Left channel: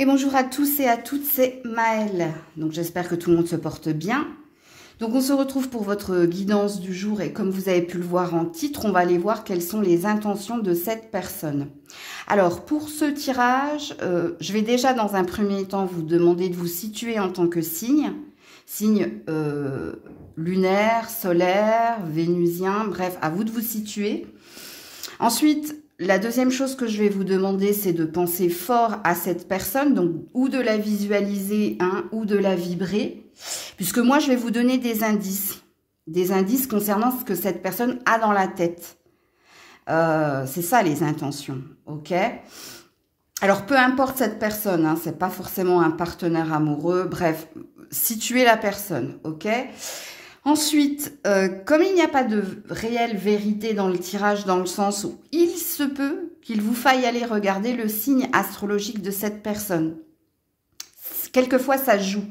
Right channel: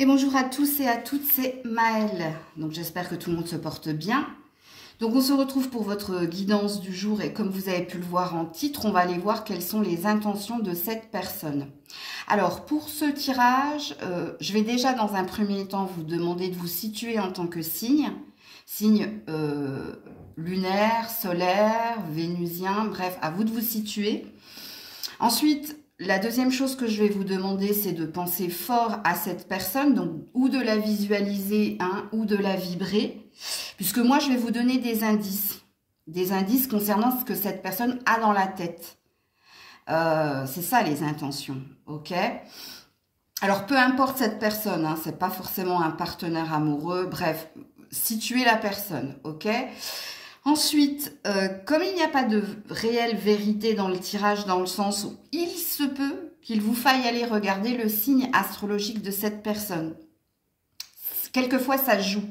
Et bonjour à tous et à toutes, c'est Maëlle. Donc j'espère que tout le monde se porte bien. Donc on se retrouve pour votre guidance du jour et comme vous avez pu le voir en titre, on va aller voir quelles sont les intentions de cette personne. Alors pour ce tirage, je vais déjà dans un premier temps vous demander de vous situer en tant que signe lunaire, solaire, vénusien, bref, à vous de vous situer. Ensuite, la deuxième chose que je vais vous demander, c'est de penser fort à cette personne, donc ou de la visualiser, ou de la vibrer, puisque moi, je vais vous donner des indices concernant ce que cette personne a dans la tête. C'est ça les intentions, ok? Alors, peu importe cette personne, c'est pas forcément un partenaire amoureux, bref, situez la personne, ok? Ensuite, comme il n'y a pas de réelle vérité dans le tirage, dans le sens où il se peut qu'il vous faille aller regarder le signe astrologique de cette personne. Quelquefois, ça joue.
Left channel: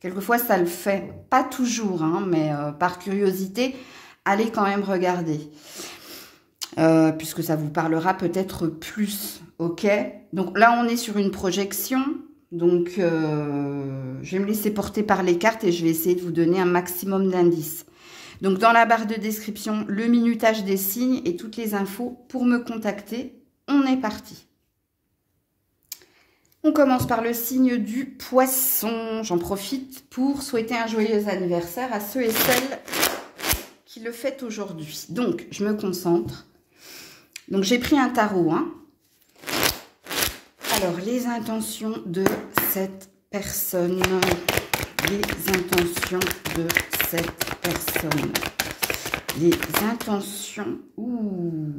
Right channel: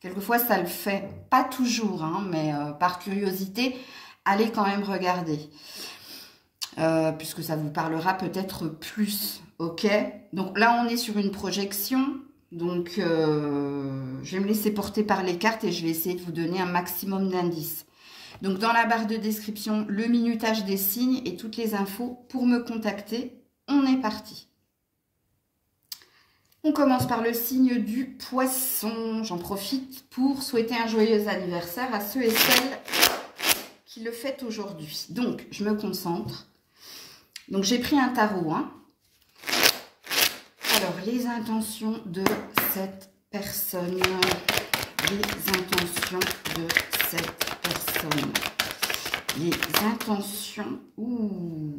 Quelquefois, ça le fait. Pas toujours, mais par curiosité, allez quand même regarder. Puisque ça vous parlera peut-être plus, ok? Donc là, on est sur une projection. Donc, je vais me laisser porter par les cartes et je vais essayer de vous donner un maximum d'indices. Donc, dans la barre de description, le minutage des signes et toutes les infos pour me contacter. On est parti. On commence par le signe du poisson. J'en profite pour souhaiter un joyeux anniversaire à ceux et celles qui le fêtent aujourd'hui. Donc, je me concentre. Donc, j'ai pris un tarot, Alors, les intentions de cette personne. Les intentions de cette personne. Les intentions. Ouh.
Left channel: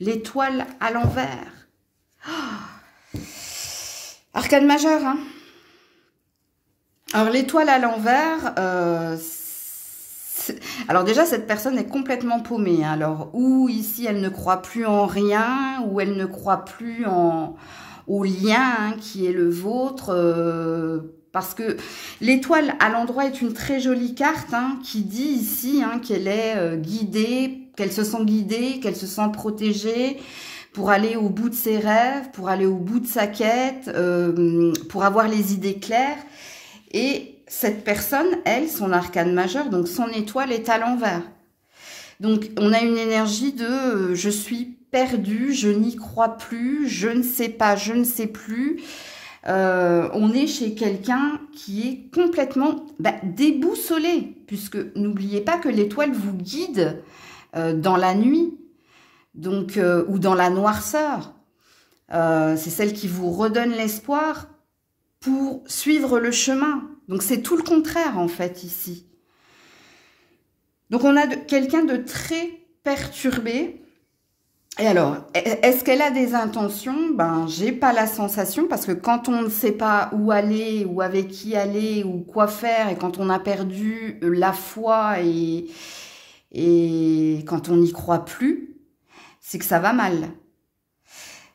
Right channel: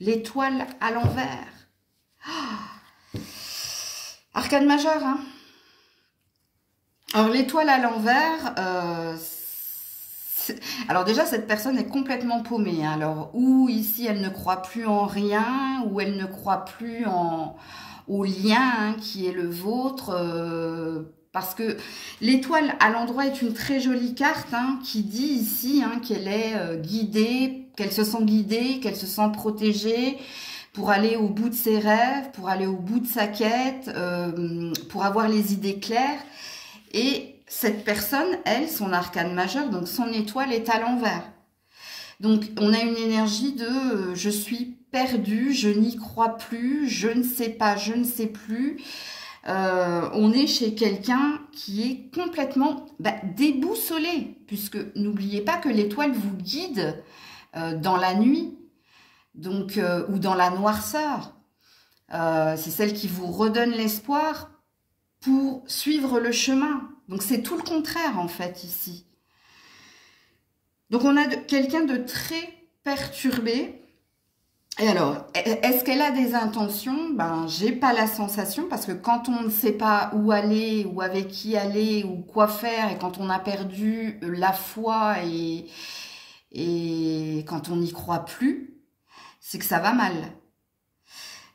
L'étoile à l'envers. Oh. Arcane majeur, Alors, l'étoile à l'envers, alors déjà, cette personne est complètement paumée. Alors, ou ici, elle ne croit plus en rien, ou elle ne croit plus au lien qui est le vôtre, parce que l'étoile à l'endroit est une très jolie carte qui dit ici qu'elle est guidée, qu'elle se sent guidée, qu'elle se sent protégée pour aller au bout de ses rêves, pour aller au bout de sa quête, pour avoir les idées claires. Et cette personne, elle, son arcane majeur, donc son étoile est à l'envers. Donc, on a une énergie de je suis perdue, je n'y crois plus, je ne sais pas, je ne sais plus. On est chez quelqu'un qui est complètement déboussolé, puisque n'oubliez pas que l'étoile vous guide dans la nuit, donc ou dans la noirceur. C'est celle qui vous redonne l'espoir pour suivre le chemin. Donc, c'est tout le contraire, en fait, ici. Donc, on a quelqu'un de très perturbé. Et alors, est-ce qu'elle a des intentions? J'ai pas la sensation, parce que quand on ne sait pas où aller, ou avec qui aller, ou quoi faire, et quand on a perdu la foi, et quand on n'y croit plus, c'est que ça va mal.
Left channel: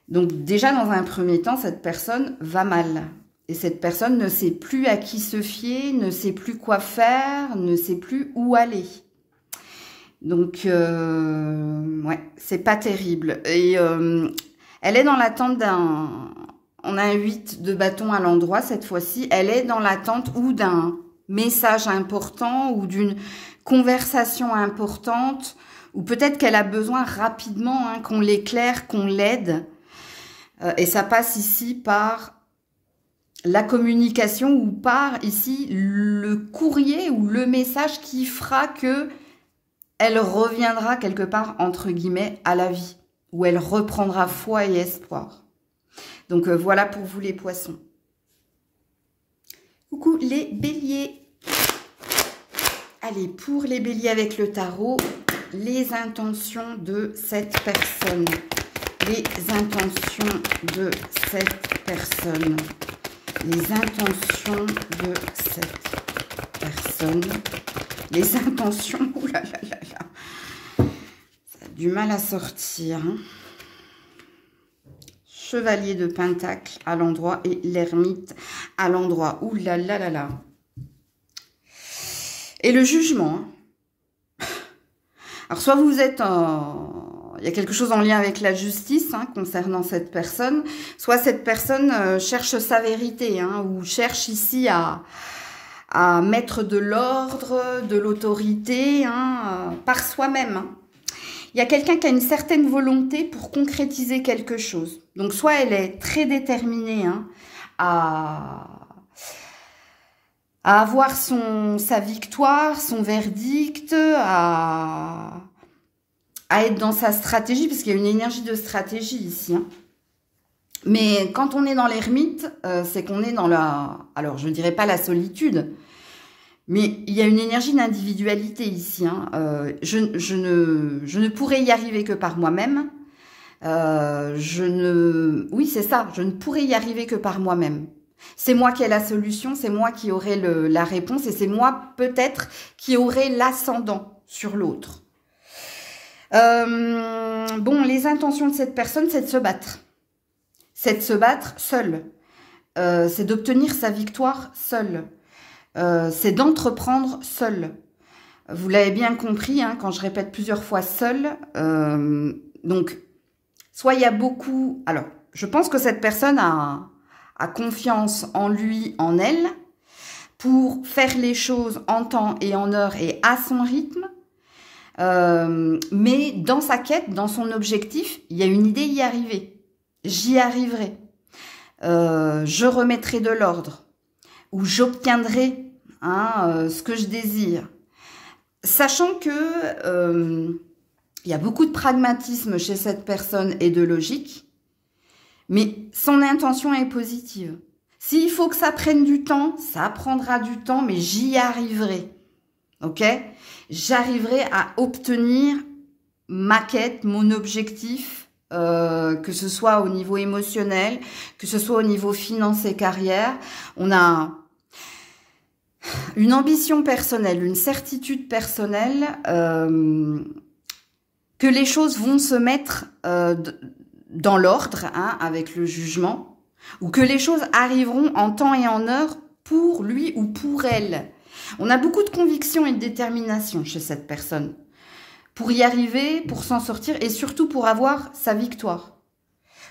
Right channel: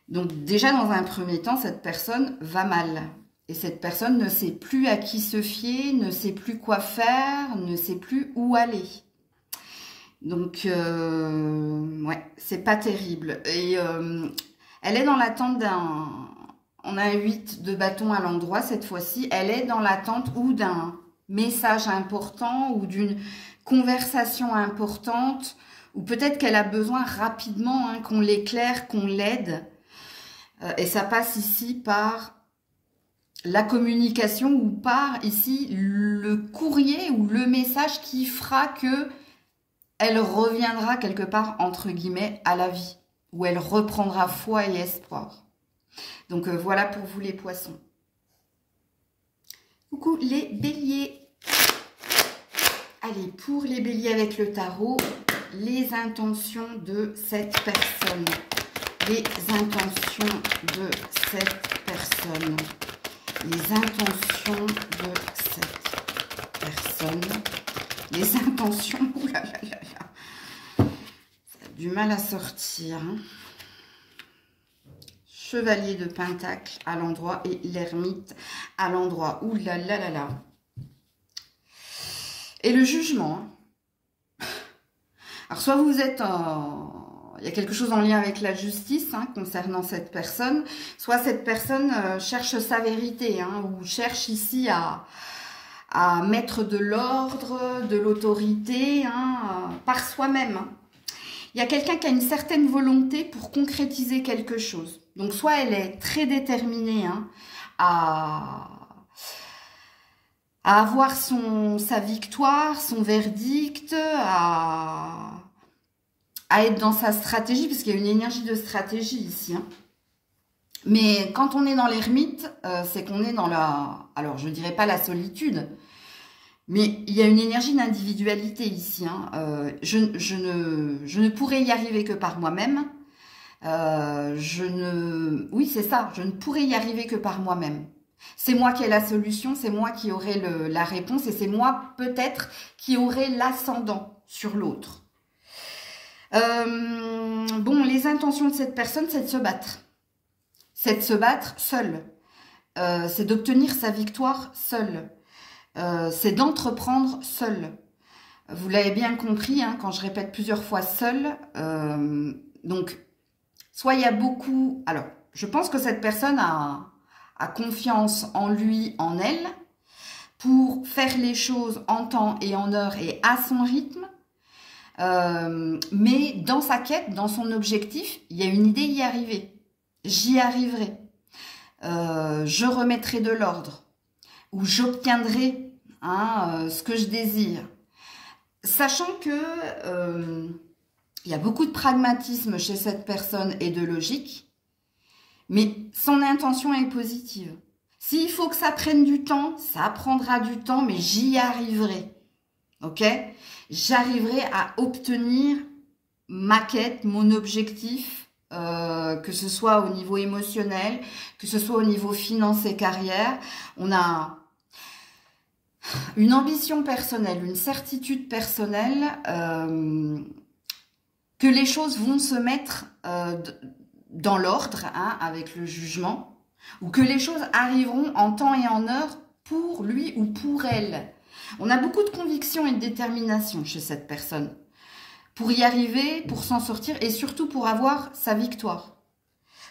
Donc, déjà, dans un premier temps, cette personne va mal. Et cette personne ne sait plus à qui se fier, ne sait plus quoi faire, ne sait plus où aller. Donc, ouais, c'est pas terrible. Et elle est dans l'attente d'un... On a un 8 de bâton à l'endroit cette fois-ci. Elle est dans l'attente ou d'un message important ou d'une conversation importante. Ou peut-être qu'elle a besoin rapidement qu'on l'éclaire, qu'on l'aide. Et ça passe ici par... la communication ou par ici le courrier ou le message qui fera que elle reviendra quelque part entre guillemets à la vie, où elle reprendra foi et espoir. Donc voilà pour vous les poissons. Coucou les béliers. Allez, pour les béliers avec le tarot, les intentions de cette personne. Les intentions de cette personne. Les intentions de cette personne. Les intentions... Ouh là là là là. Ça a du mal à sortir. Chevalier de Pentacle à l'endroit et l'ermite à l'endroit. Ouh là là là là. Et le jugement. Alors, soit vous êtes il y a quelque chose en lien avec la justice hein, concernant cette personne. Soit cette personne cherche sa vérité hein, ou cherche ici à mettre de l'ordre, de l'autorité hein, par soi-même. Hein. Il y a quelqu'un qui a une certaine volonté pour concrétiser quelque chose. Donc soit elle est très déterminée hein, à avoir sa victoire, son verdict, à être dans sa stratégie, parce qu'il y a une énergie de stratégie ici. Hein. Mais quand on est dans l'ermite, c'est qu'on est dans la... Alors, je ne dirais pas la solitude, mais il y a une énergie d'individualité ici. Hein. Je ne pourrais y arriver que par moi-même. Oui, c'est ça, je ne pourrais y arriver que par moi-même. C'est moi qui ai la solution, c'est moi qui aurai la réponse et c'est moi peut-être qui aurai l'ascendant sur l'autre. Bon, les intentions de cette personne, c'est de se battre. C'est de se battre seule. C'est d'obtenir sa victoire seule. C'est d'entreprendre seule. Vous l'avez bien compris, hein, quand je répète plusieurs fois seule. Donc, soit il y a beaucoup... Alors, je pense que cette personne a confiance en lui, en elle, pour faire les choses en temps et en heure et à son rythme. Mais dans sa quête, dans son objectif, il y a une idée y arriver. J'y arriverai. Je remettrai de l'ordre. Ou j'obtiendrai hein, ce que je désire. Sachant que il y a beaucoup de pragmatisme chez cette personne et de logique. Mais son intention est positive. S'il faut que ça prenne du temps, ça prendra du temps, mais j'y arriverai. Ok? J'arriverai à obtenir ma quête, mon objectif, que ce soit au niveau émotionnel, que ce soit au niveau finance et carrière. On a une ambition personnelle, une certitude personnelle, que les choses vont se mettre dans l'ordre, hein, avec le jugement, ou que les choses arriveront en temps et en heure pour lui ou pour elle. On a beaucoup de conviction et de détermination chez cette personne pour y arriver, pour s'en sortir et surtout pour avoir sa victoire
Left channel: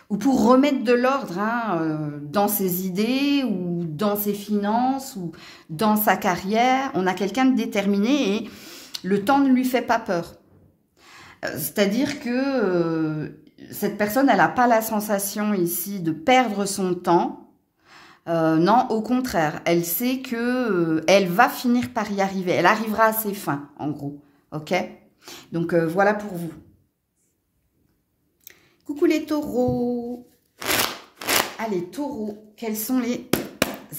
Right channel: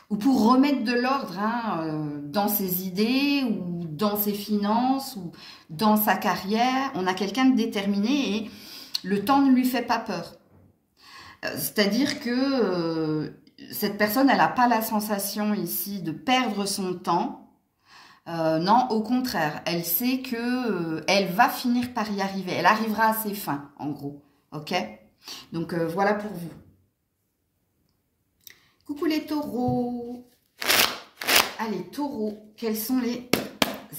ou pour remettre de l'ordre hein, dans ses idées ou dans ses finances ou dans sa carrière. On a quelqu'un de déterminé et le temps ne lui fait pas peur. C'est-à-dire que cette personne, elle n'a pas la sensation ici de perdre son temps. Non, au contraire, elle sait que elle va finir par y arriver. Elle arrivera à ses fins, en gros. Ok? Donc, voilà pour vous. Coucou les taureaux. Allez, taureaux, quelles sont les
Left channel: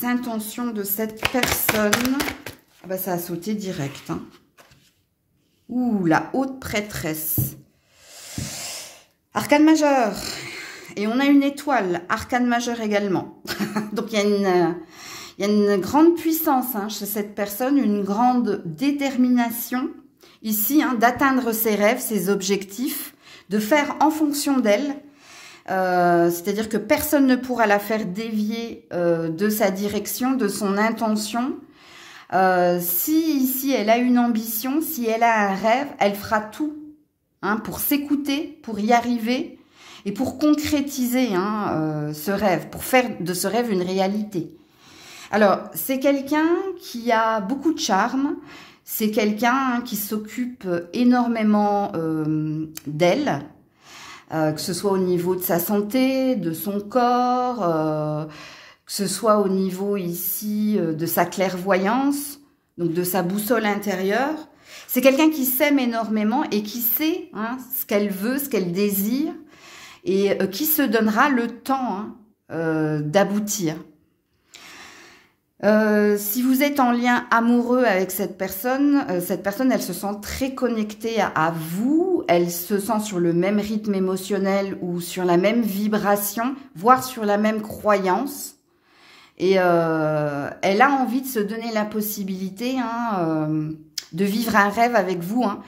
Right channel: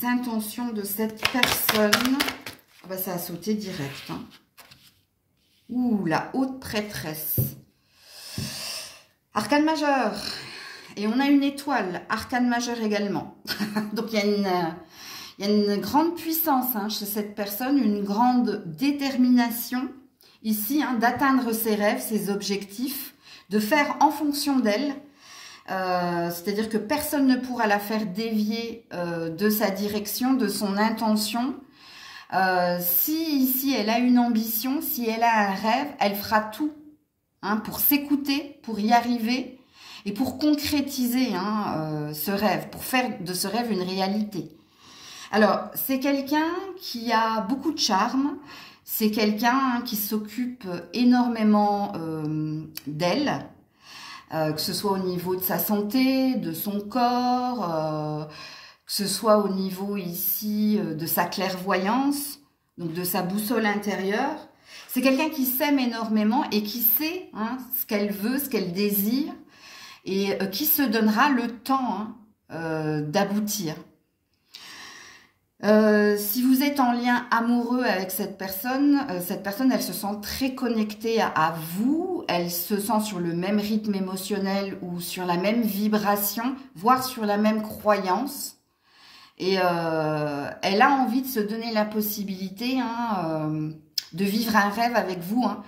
intentions de cette personne? Ah bah, ça a sauté direct. Hein. Ouh, la haute prêtresse. Arcane majeur. Et on a une étoile, arcane majeur également. Donc, il y a une grande puissance hein, chez cette personne, une grande détermination ici hein, d'atteindre ses rêves, ses objectifs, de faire en fonction d'elle. C'est-à-dire que personne ne pourra la faire dévier de sa direction, de son intention. Si ici, elle a une ambition, si elle a un rêve, elle fera tout hein, pour s'écouter, pour y arriver. Et pour concrétiser hein, ce rêve, pour faire de ce rêve une réalité. Alors, c'est quelqu'un qui a beaucoup de charme, c'est quelqu'un hein, qui s'occupe énormément d'elle, que ce soit au niveau de sa santé, de son corps, que ce soit au niveau ici de sa clairvoyance, donc de sa boussole intérieure. C'est quelqu'un qui s'aime énormément et qui sait hein, ce qu'elle veut, ce qu'elle désire, et qui se donnera le temps hein, d'aboutir. Si vous êtes en lien amoureux avec cette personne, elle se sent très connectée à vous, elle se sent sur le même rythme émotionnel ou sur la même vibration, voire sur la même croyance. Et elle a envie de se donner la possibilité hein, de vivre un rêve avec vous, hein,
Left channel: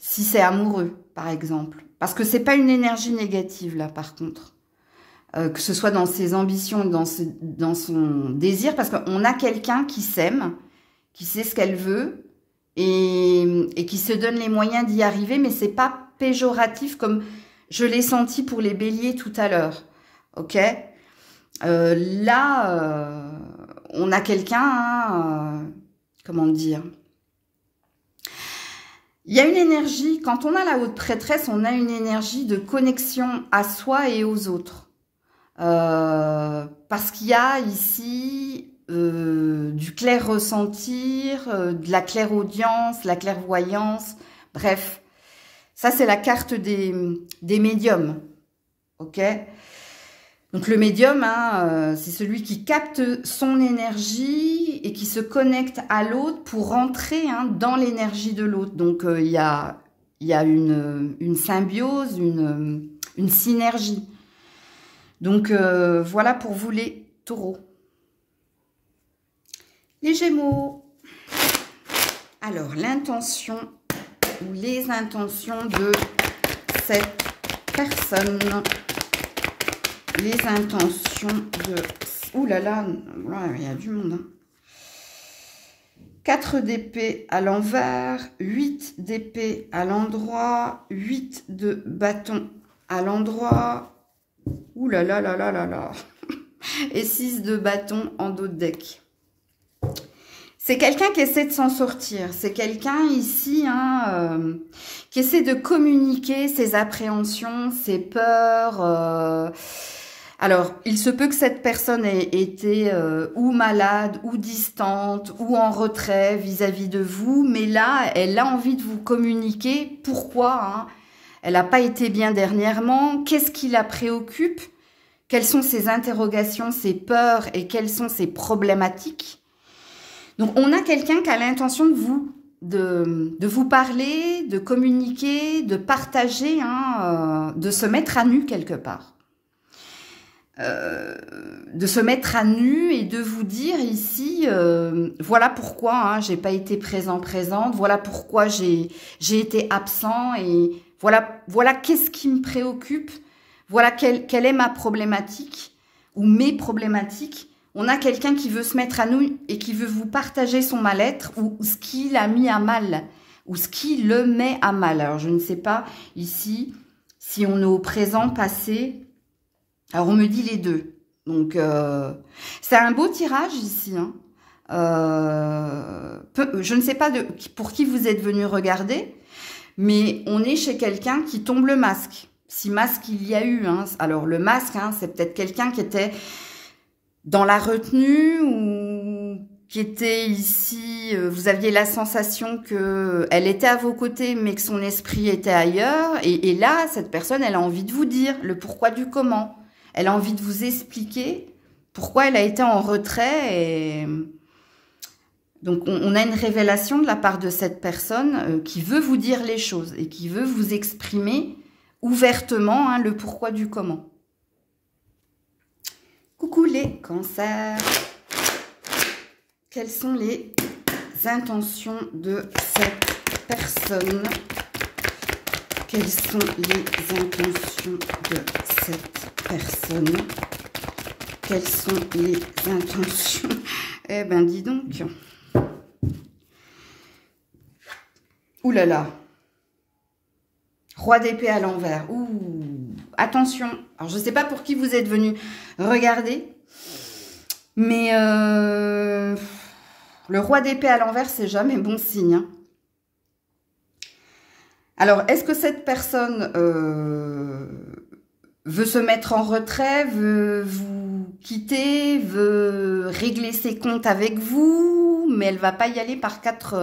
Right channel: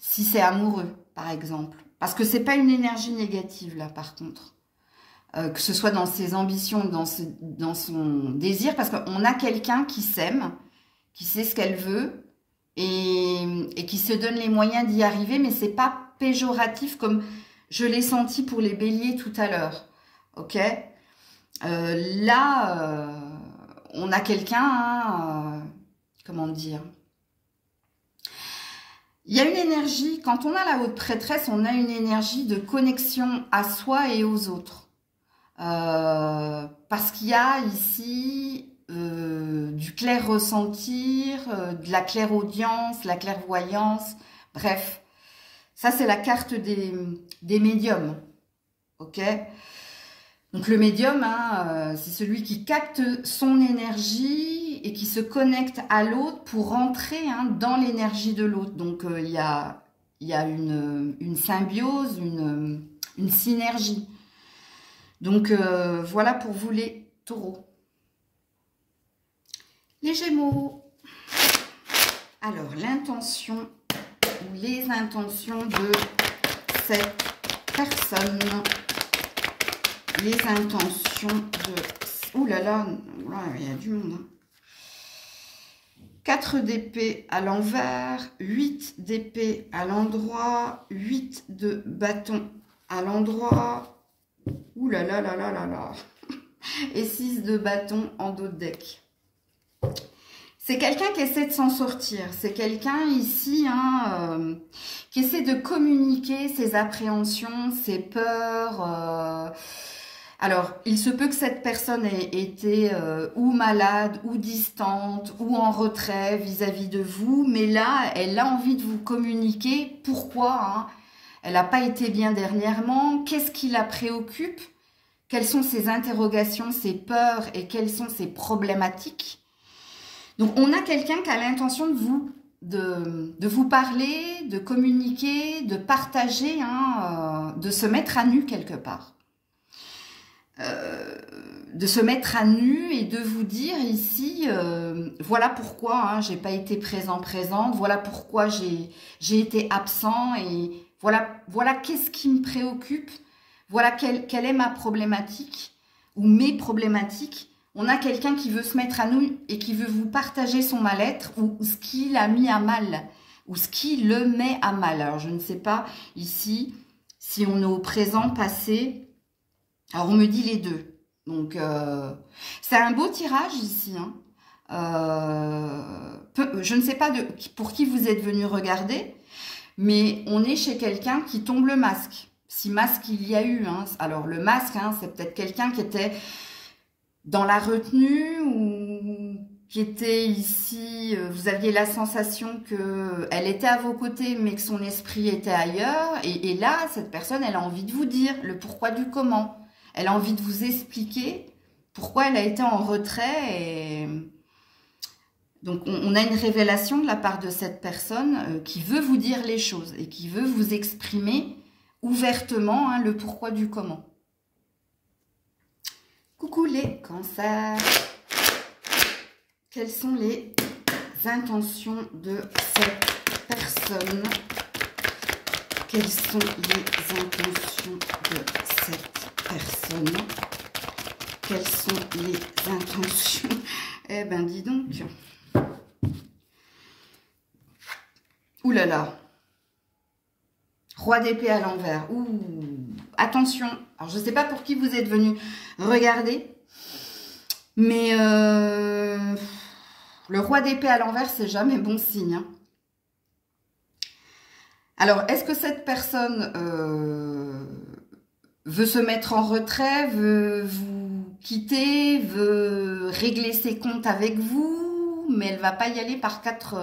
si c'est amoureux, par exemple. Parce que c'est pas une énergie négative, là, par contre. Que ce soit dans ses ambitions, dans son désir. Parce qu'on a quelqu'un qui s'aime, qui sait ce qu'elle veut, et qui se donne les moyens d'y arriver. Mais c'est pas péjoratif comme je l'ai senti pour les béliers tout à l'heure. Ok, là, on a quelqu'un, hein, comment dire, il y a une énergie, quand on a la haute prêtresse, on a une énergie de connexion à soi et aux autres. Parce qu'il y a ici du clair ressentir, de la clairaudience, la clairvoyance, bref. Ça, c'est la carte des médiums. Ok ? Donc, le médium, hein, c'est celui qui capte son énergie et qui se connecte à l'autre pour rentrer, hein, dans l'énergie de l'autre. Donc, il y a une symbiose, une synergie. Donc, voilà pour vous les taureaux. Les gémeaux. Alors, l'intention ou les intentions de cette personne. Les intentions de... Ouh là là, il y a du monde. Hein. 4 d'épée à l'envers, 8 d'épée à l'endroit, 8 de bâton à l'endroit. Ouh là là là là là là. Et 6 de bâton en dos de deck. C'est quelqu'un qui essaie de s'en sortir. C'est quelqu'un ici, hein, qui essaie de communiquer ses appréhensions, ses peurs. Alors, il se peut que cette personne ait été ou malade, ou distante, ou en retrait vis-à-vis de vous. Mais là, elle a envie de vous communiquer. Pourquoi, hein? Elle n'a pas été bien dernièrement. Qu'est-ce qui la préoccupe? Quelles sont ses interrogations, ses peurs et quelles sont ses problématiques? Donc, on a quelqu'un qui a l'intention de vous parler, de communiquer, de partager, hein, de se mettre à nu quelque part. De se mettre à nu et de vous dire ici, voilà pourquoi, hein, j'ai pas été présente, voilà pourquoi j'ai été absent et voilà qu'est-ce qui me préoccupe, voilà quelle est ma problématique ou mes problématiques. On a quelqu'un qui veut se mettre à nu et qui veut vous partager son mal-être ou ce qui l'a mis à mal ou ce qui le met à mal. Alors je ne sais pas ici si on est au présent, passé. Alors, on me dit les deux. Donc, c'est un beau tirage ici. Hein. Je ne sais pas pour qui vous êtes venu regarder, mais on est chez quelqu'un qui tombe le masque. Si masque il y a eu. Hein. Alors, le masque, hein, c'est peut-être quelqu'un qui était dans la retenue ou qui était ici. Vous aviez la sensation qu'elle était à vos côtés, mais que son esprit était ailleurs. Et là, cette personne, elle a envie de vous dire le pourquoi du comment. Elle a envie de vous expliquer pourquoi elle a été en retrait. Et donc, on a une révélation de la part de cette personne qui veut vous dire les choses et qui veut vous exprimer ouvertement, hein, le pourquoi du comment. Coucou les cancers. Quelles sont les intentions de cette personne? Quelles sont les intentions de cette personne? Quelles sont les intentions? Eh ben, dis donc. Ouh là là. Roi d'épée à l'envers. Ouh. Attention. Alors, je ne sais pas pour qui vous êtes venu regarder. Mais le roi d'épée à l'envers, c'est jamais bon signe. Hein. Alors, est-ce que cette personne veut se mettre en retrait, veut vous quitter, veut régler ses comptes avec vous, mais elle ne va pas y aller par quatre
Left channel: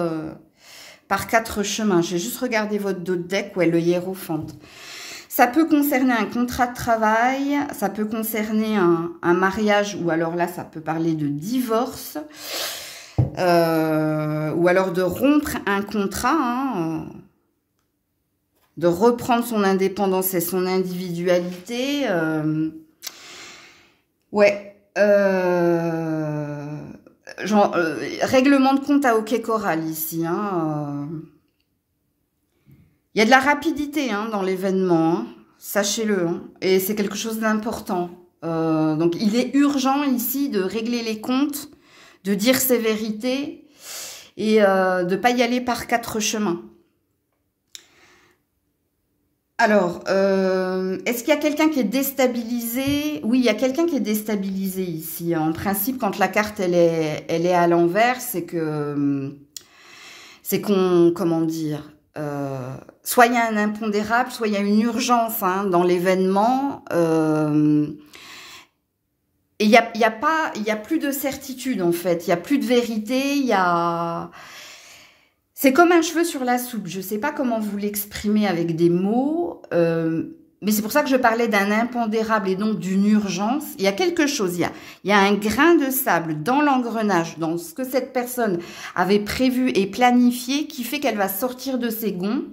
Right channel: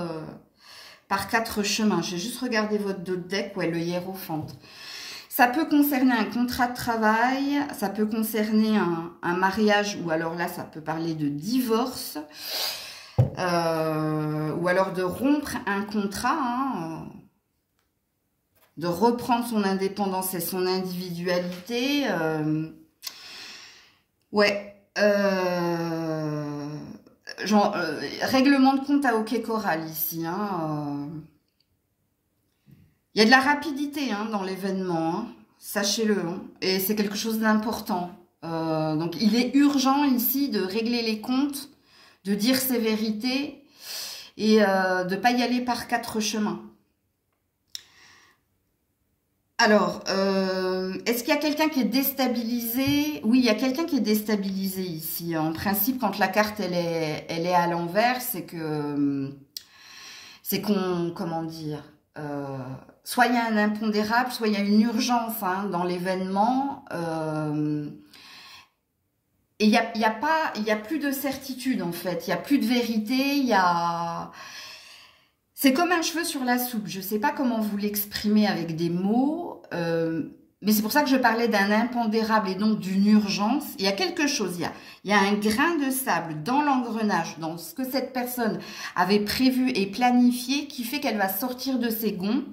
chemins. Je vais juste regarder votre dos de deck, ouais, le hiérophante. Ça peut concerner un contrat de travail, ça peut concerner un mariage, ou alors là, ça peut parler de divorce, ou alors de rompre un contrat, hein, de reprendre son indépendance et son individualité. Ouais. Règlement de compte à OK Choral ici. Hein, il y a de la rapidité, hein, dans l'événement. Hein, sachez-le. Hein, et c'est quelque chose d'important. Donc, il est urgent ici de régler les comptes, de dire ses vérités et de ne pas y aller par quatre chemins. Alors, est-ce qu'il y a quelqu'un qui est déstabilisé? Oui, il y a quelqu'un qui est déstabilisé ici. En principe, quand la carte elle est à l'envers, c'est qu'on, comment dire, soit il y a un impondérable, soit il y a une urgence hein, dans l'événement. Et il y a plus de certitude en fait. Il y a plus de vérité. C'est comme un cheveu sur la soupe. Je ne sais pas comment vous l'exprimer avec des mots, mais c'est pour ça que je parlais d'un impondérable et donc d'une urgence. Il y a quelque chose, il y a un grain de sable dans l'engrenage, dans ce que cette personne avait prévu et planifié, qui fait qu'elle va sortir de ses gonds.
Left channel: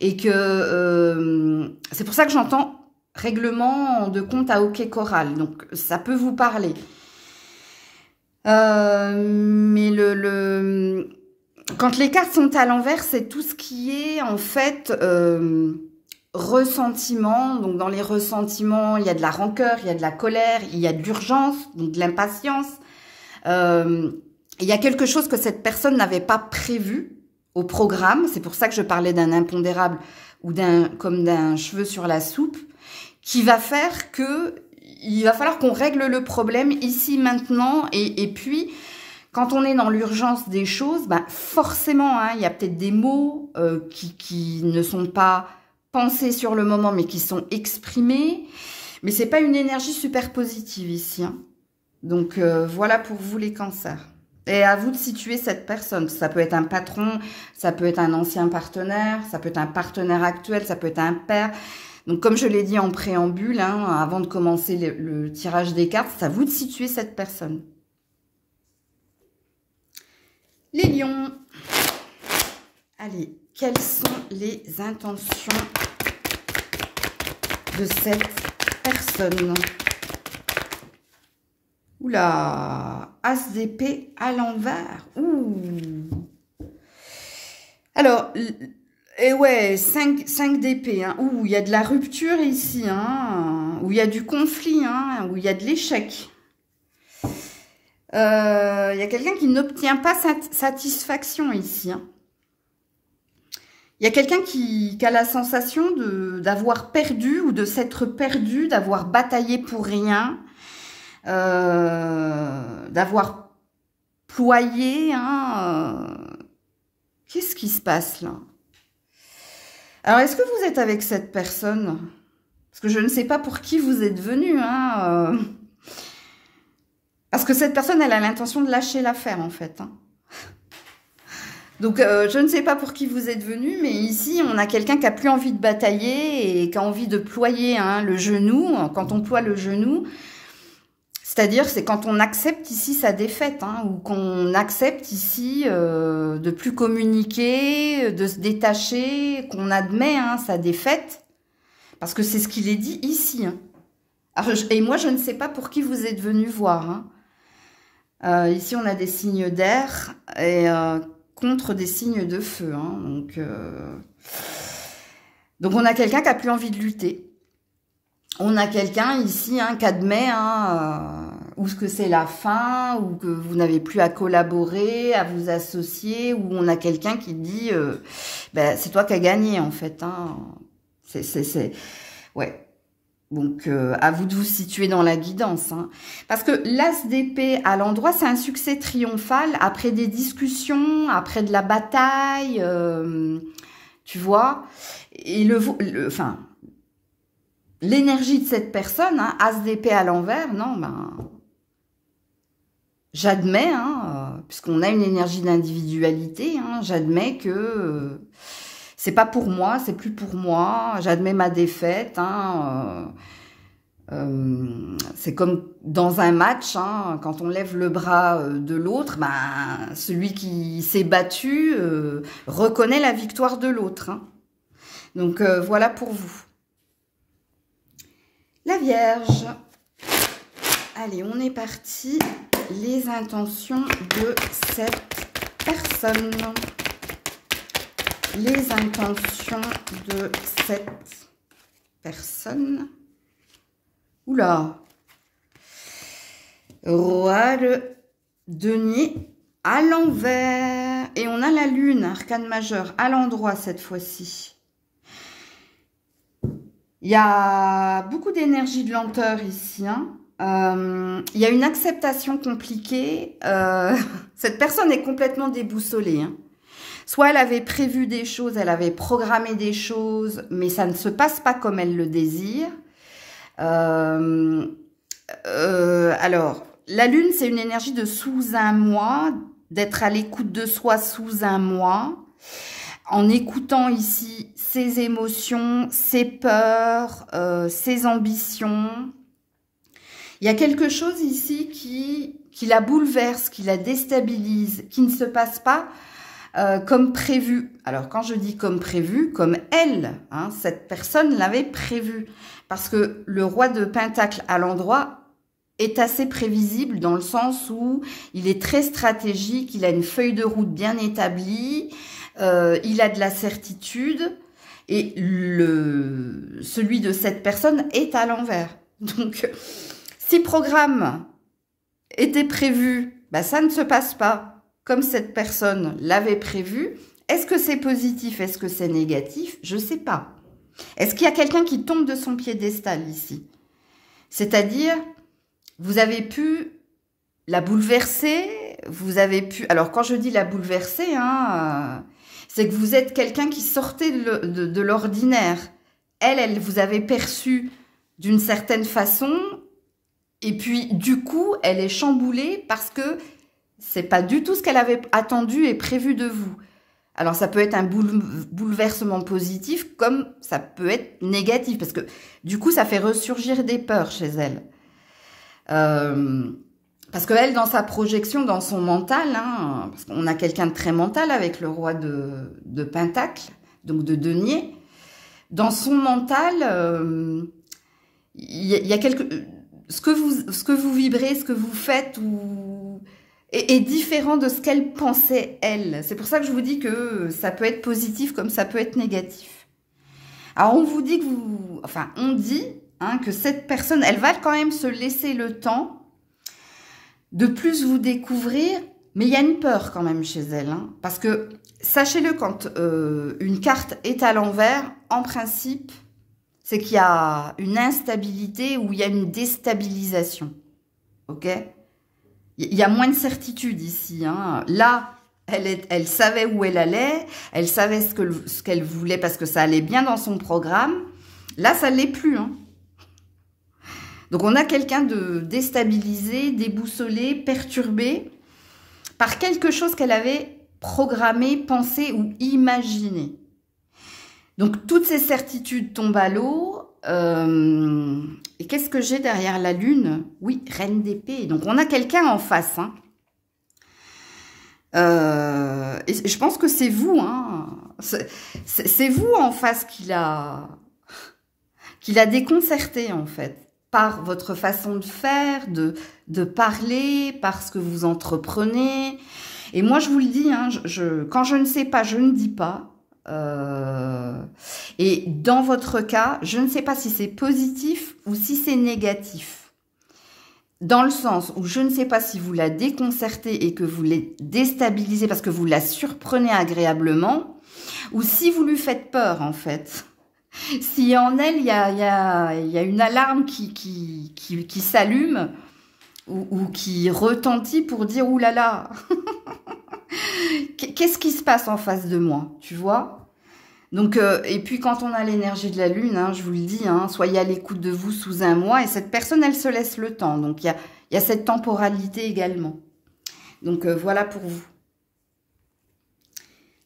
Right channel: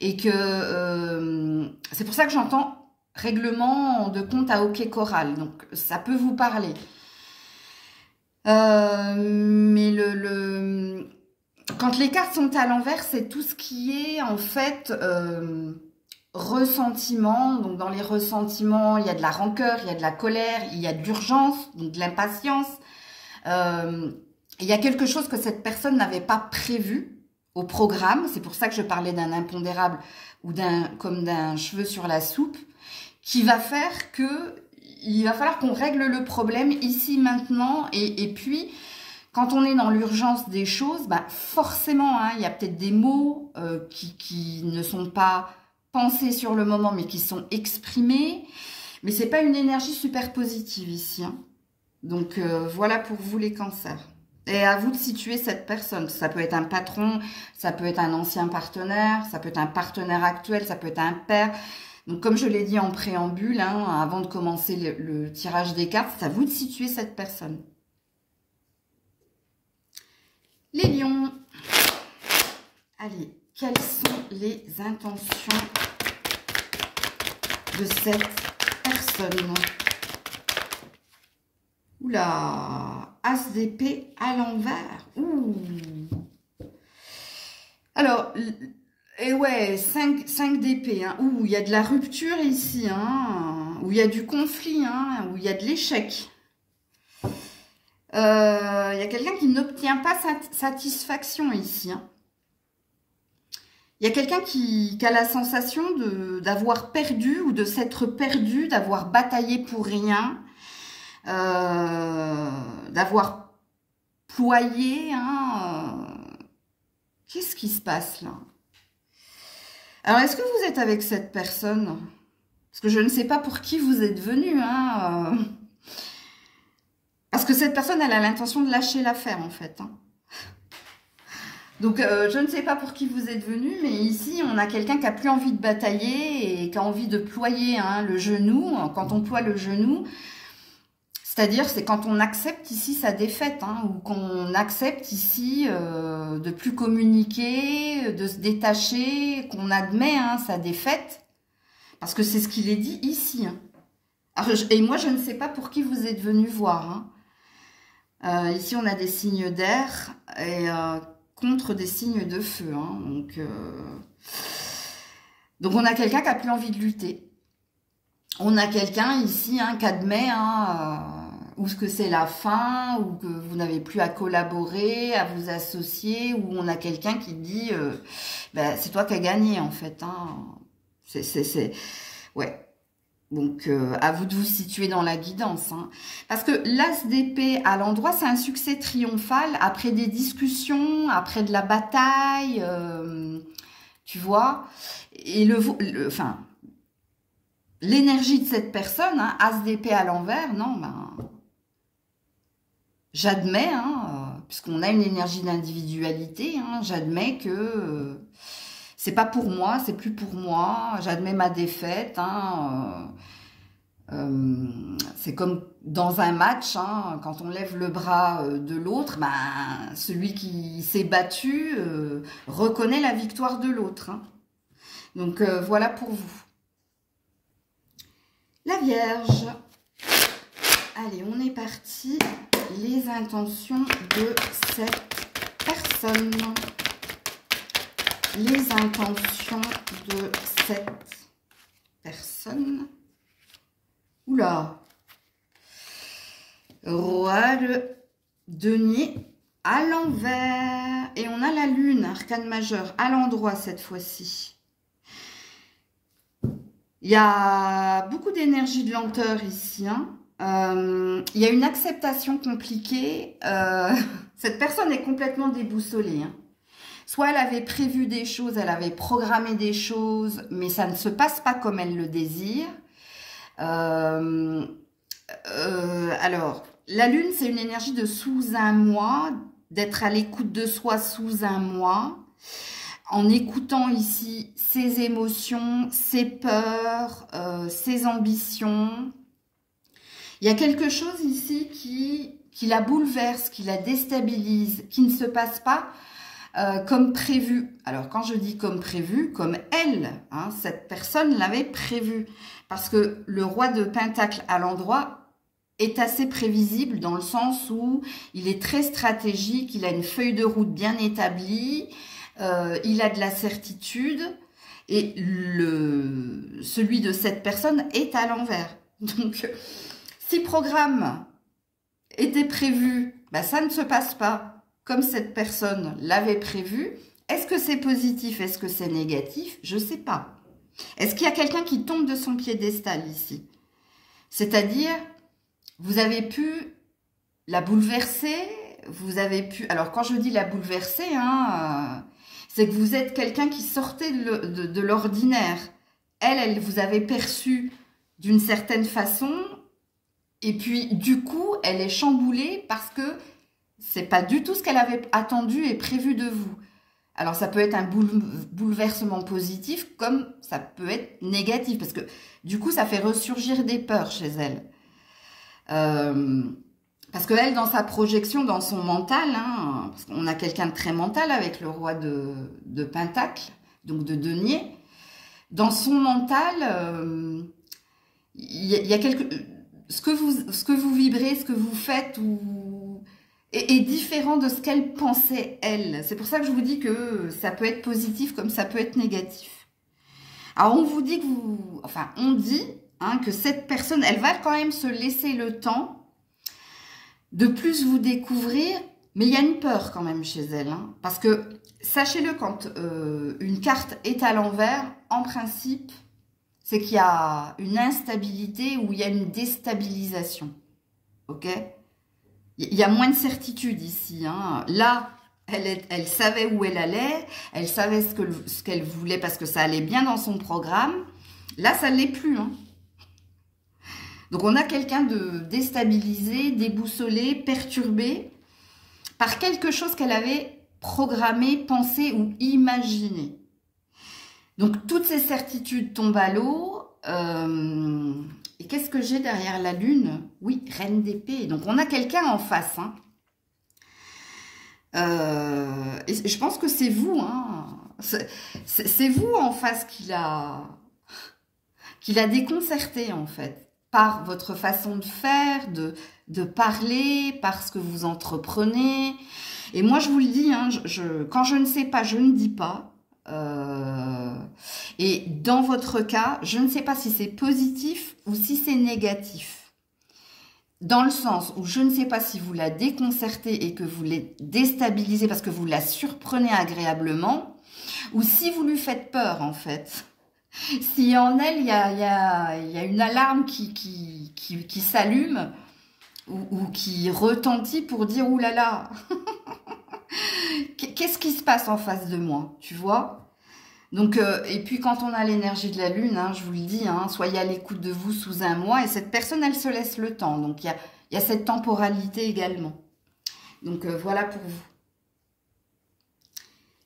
Et que c'est pour ça que j'entends règlement de compte à OK Choral. Donc, ça peut vous parler. Mais quand les cartes sont à l'envers, c'est tout ce qui est en fait ressentiment. Donc dans les ressentiments, il y a de la rancœur, il y a de la colère, il y a de l'urgence, donc de l'impatience. Il y a quelque chose que cette personne n'avait pas prévu au programme. C'est pour ça que je parlais d'un impondérable ou comme d'un cheveu sur la soupe, qui va faire que il va falloir qu'on règle le problème ici maintenant et puis quand on est dans l'urgence des choses, ben forcément, hein, il y a peut-être des mots qui ne sont pas pensés sur le moment, mais qui sont exprimés. Mais c'est pas une énergie super positive ici. Hein. Donc, voilà pour vous les cancers. Et à vous de situer cette personne. Ça peut être un patron, ça peut être un ancien partenaire, ça peut être un partenaire actuel, ça peut être un père. Donc, comme je l'ai dit en préambule, hein, avant de commencer le tirage des cartes, c'est à vous de situer cette personne. Les lions, allez, quelles sont les intentions de cette personne? Oula, As d'épée à l'envers. Ouh. Alors, et ouais, 5 d'épée. Hein. Ouh, il y a de la rupture ici, hein, où il y a du conflit, hein, où il y a de l'échec. Il y a quelqu'un qui n'obtient pas satisfaction ici. Hein. Il y a quelqu'un qui a la sensation d'avoir perdu ou de s'être perdu, d'avoir bataillé pour rien, d'avoir ployé. Hein, Qu'est-ce qui se passe là? Alors, est-ce que vous êtes avec cette personne? Parce que je ne sais pas pour qui vous êtes venu. Hein, Parce que cette personne, elle a l'intention de lâcher l'affaire, en fait. Hein. Donc, je ne sais pas pour qui vous êtes venu, mais ici, on a quelqu'un qui n'a plus envie de batailler et qui a envie de ployer hein, le genou. Quand on ploie le genou, c'est-à-dire, c'est quand on accepte ici sa défaite, hein, ou qu'on accepte ici de plus communiquer, de se détacher, qu'on admet hein, sa défaite, parce que c'est ce qu'il est dit ici. Hein. Alors, et moi, je ne sais pas pour qui vous êtes venu voir. Hein. Ici, on a des signes d'air et contre des signes de feu. Hein. Donc, on a quelqu'un qui n'a plus envie de lutter. On a quelqu'un ici hein, qui admet ou que c'est la fin, ou que vous n'avez plus à collaborer, à vous associer, ou on a quelqu'un qui dit ben, c'est toi qui as gagné en fait. Hein. Ouais. Donc, à vous de vous situer dans la guidance. Hein. Parce que l'as d'épée à l'endroit, c'est un succès triomphal après des discussions, après de la bataille, tu vois. Et enfin, l'énergie de cette personne, hein, as d'épée à l'envers, non, ben, j'admets, hein, puisqu'on a une énergie d'individualité, hein, j'admets que... c'est pas pour moi, c'est plus pour moi. J'admets ma défaite. Hein, c'est comme dans un match, hein, quand on lève le bras de l'autre, ben, celui qui s'est battu reconnaît la victoire de l'autre. Hein. Donc voilà pour vous. La Vierge. Allez, on est parti. Les intentions de cette personne. Les intentions de cette personne. Oula. Roi de denier à l'envers. Et on a la lune, arcane majeur, à l'endroit cette fois-ci. Il y a beaucoup d'énergie de lenteur ici. Hein. Il y a une acceptation compliquée. Cette personne est complètement déboussolée. Hein. Soit elle avait prévu des choses, elle avait programmé des choses, mais ça ne se passe pas comme elle le désire. Alors, la lune, c'est une énergie de sous un mois, d'être à l'écoute de soi sous un mois, en écoutant ici ses émotions, ses peurs, ses ambitions. Il y a quelque chose ici qui la bouleverse, qui la déstabilise, qui ne se passe pas comme prévu. Alors, quand je dis comme prévu, comme elle, hein, cette personne l'avait prévu. Parce que le roi de Pentacle à l'endroit est assez prévisible dans le sens où il est très stratégique, il a une feuille de route bien établie, il a de la certitude et celui de cette personne est à l'envers. Donc, si le programme était prévu, bah, ça ne se passe pas comme cette personne l'avait prévu. Est-ce que c'est positif? Est-ce que c'est négatif? Je ne sais pas. Est-ce qu'il y a quelqu'un qui tombe de son piédestal ici? C'est-à-dire, vous avez pu la bouleverser, vous avez pu... Alors, quand je dis la bouleverser, hein, c'est que vous êtes quelqu'un qui sortait de l'ordinaire. Elle vous avait perçu d'une certaine façon, et puis, du coup, elle est chamboulée parce que c'est pas du tout ce qu'elle avait attendu et prévu de vous. Alors, ça peut être un bouleversement positif comme ça peut être négatif. Parce que, du coup, ça fait ressurgir des peurs chez elle. Parce qu'elle, dans sa projection, dans son mental, hein, parce qu'on a quelqu'un de très mental avec le roi de Pentacle, donc de denier. Dans son mental, il y a quelque... Ce que vous vibrez, ce que vous faites est différent de ce qu'elle pensait, elle. C'est pour ça que je vous dis que ça peut être positif comme ça peut être négatif. Alors, on vous dit que Enfin, on dit hein, que cette personne, elle va quand même se laisser le temps de plus vous découvrir, mais il y a une peur quand même chez elle. Hein, parce que, sachez-le, quand une carte est à l'envers, en principe... c'est qu'il y a une instabilité ou il y a une déstabilisation. Ok? Il y a moins de certitude ici. Hein. Là, elle savait où elle allait, elle savait ce qu'elle voulait parce que ça allait bien dans son programme. Là, ça ne l'est plus. Hein. Donc, on a quelqu'un de déstabilisé, déboussolé, perturbé par quelque chose qu'elle avait programmé, pensé ou imaginé. Donc, toutes ces certitudes tombent à l'eau. Et qu'est-ce que j'ai derrière la lune? Oui, reine d'épée. Donc, on a quelqu'un en face. Hein. Et je pense que c'est vous. Hein. C'est vous en face qui l'a déconcerté, en fait. Par votre façon de faire, de parler, par ce que vous entreprenez. Et moi, je vous le dis, hein, quand je ne sais pas, je ne dis pas. Et dans votre cas, je ne sais pas si c'est positif ou si c'est négatif. Dans le sens où je ne sais pas si vous la déconcertez et que vous la déstabilisez parce que vous la surprenez agréablement ou si vous lui faites peur en fait. Si en elle, il y a une alarme qui s'allume ou qui retentit pour dire « Ouh là là !» Qu'est-ce qui se passe en face de moi, tu vois? Donc, et puis quand on a l'énergie de la lune, hein, je vous le dis, hein, soyez à l'écoute de vous sous un mois. Et cette personne, elle se laisse le temps. Donc, il y a cette temporalité également. Donc, voilà pour vous.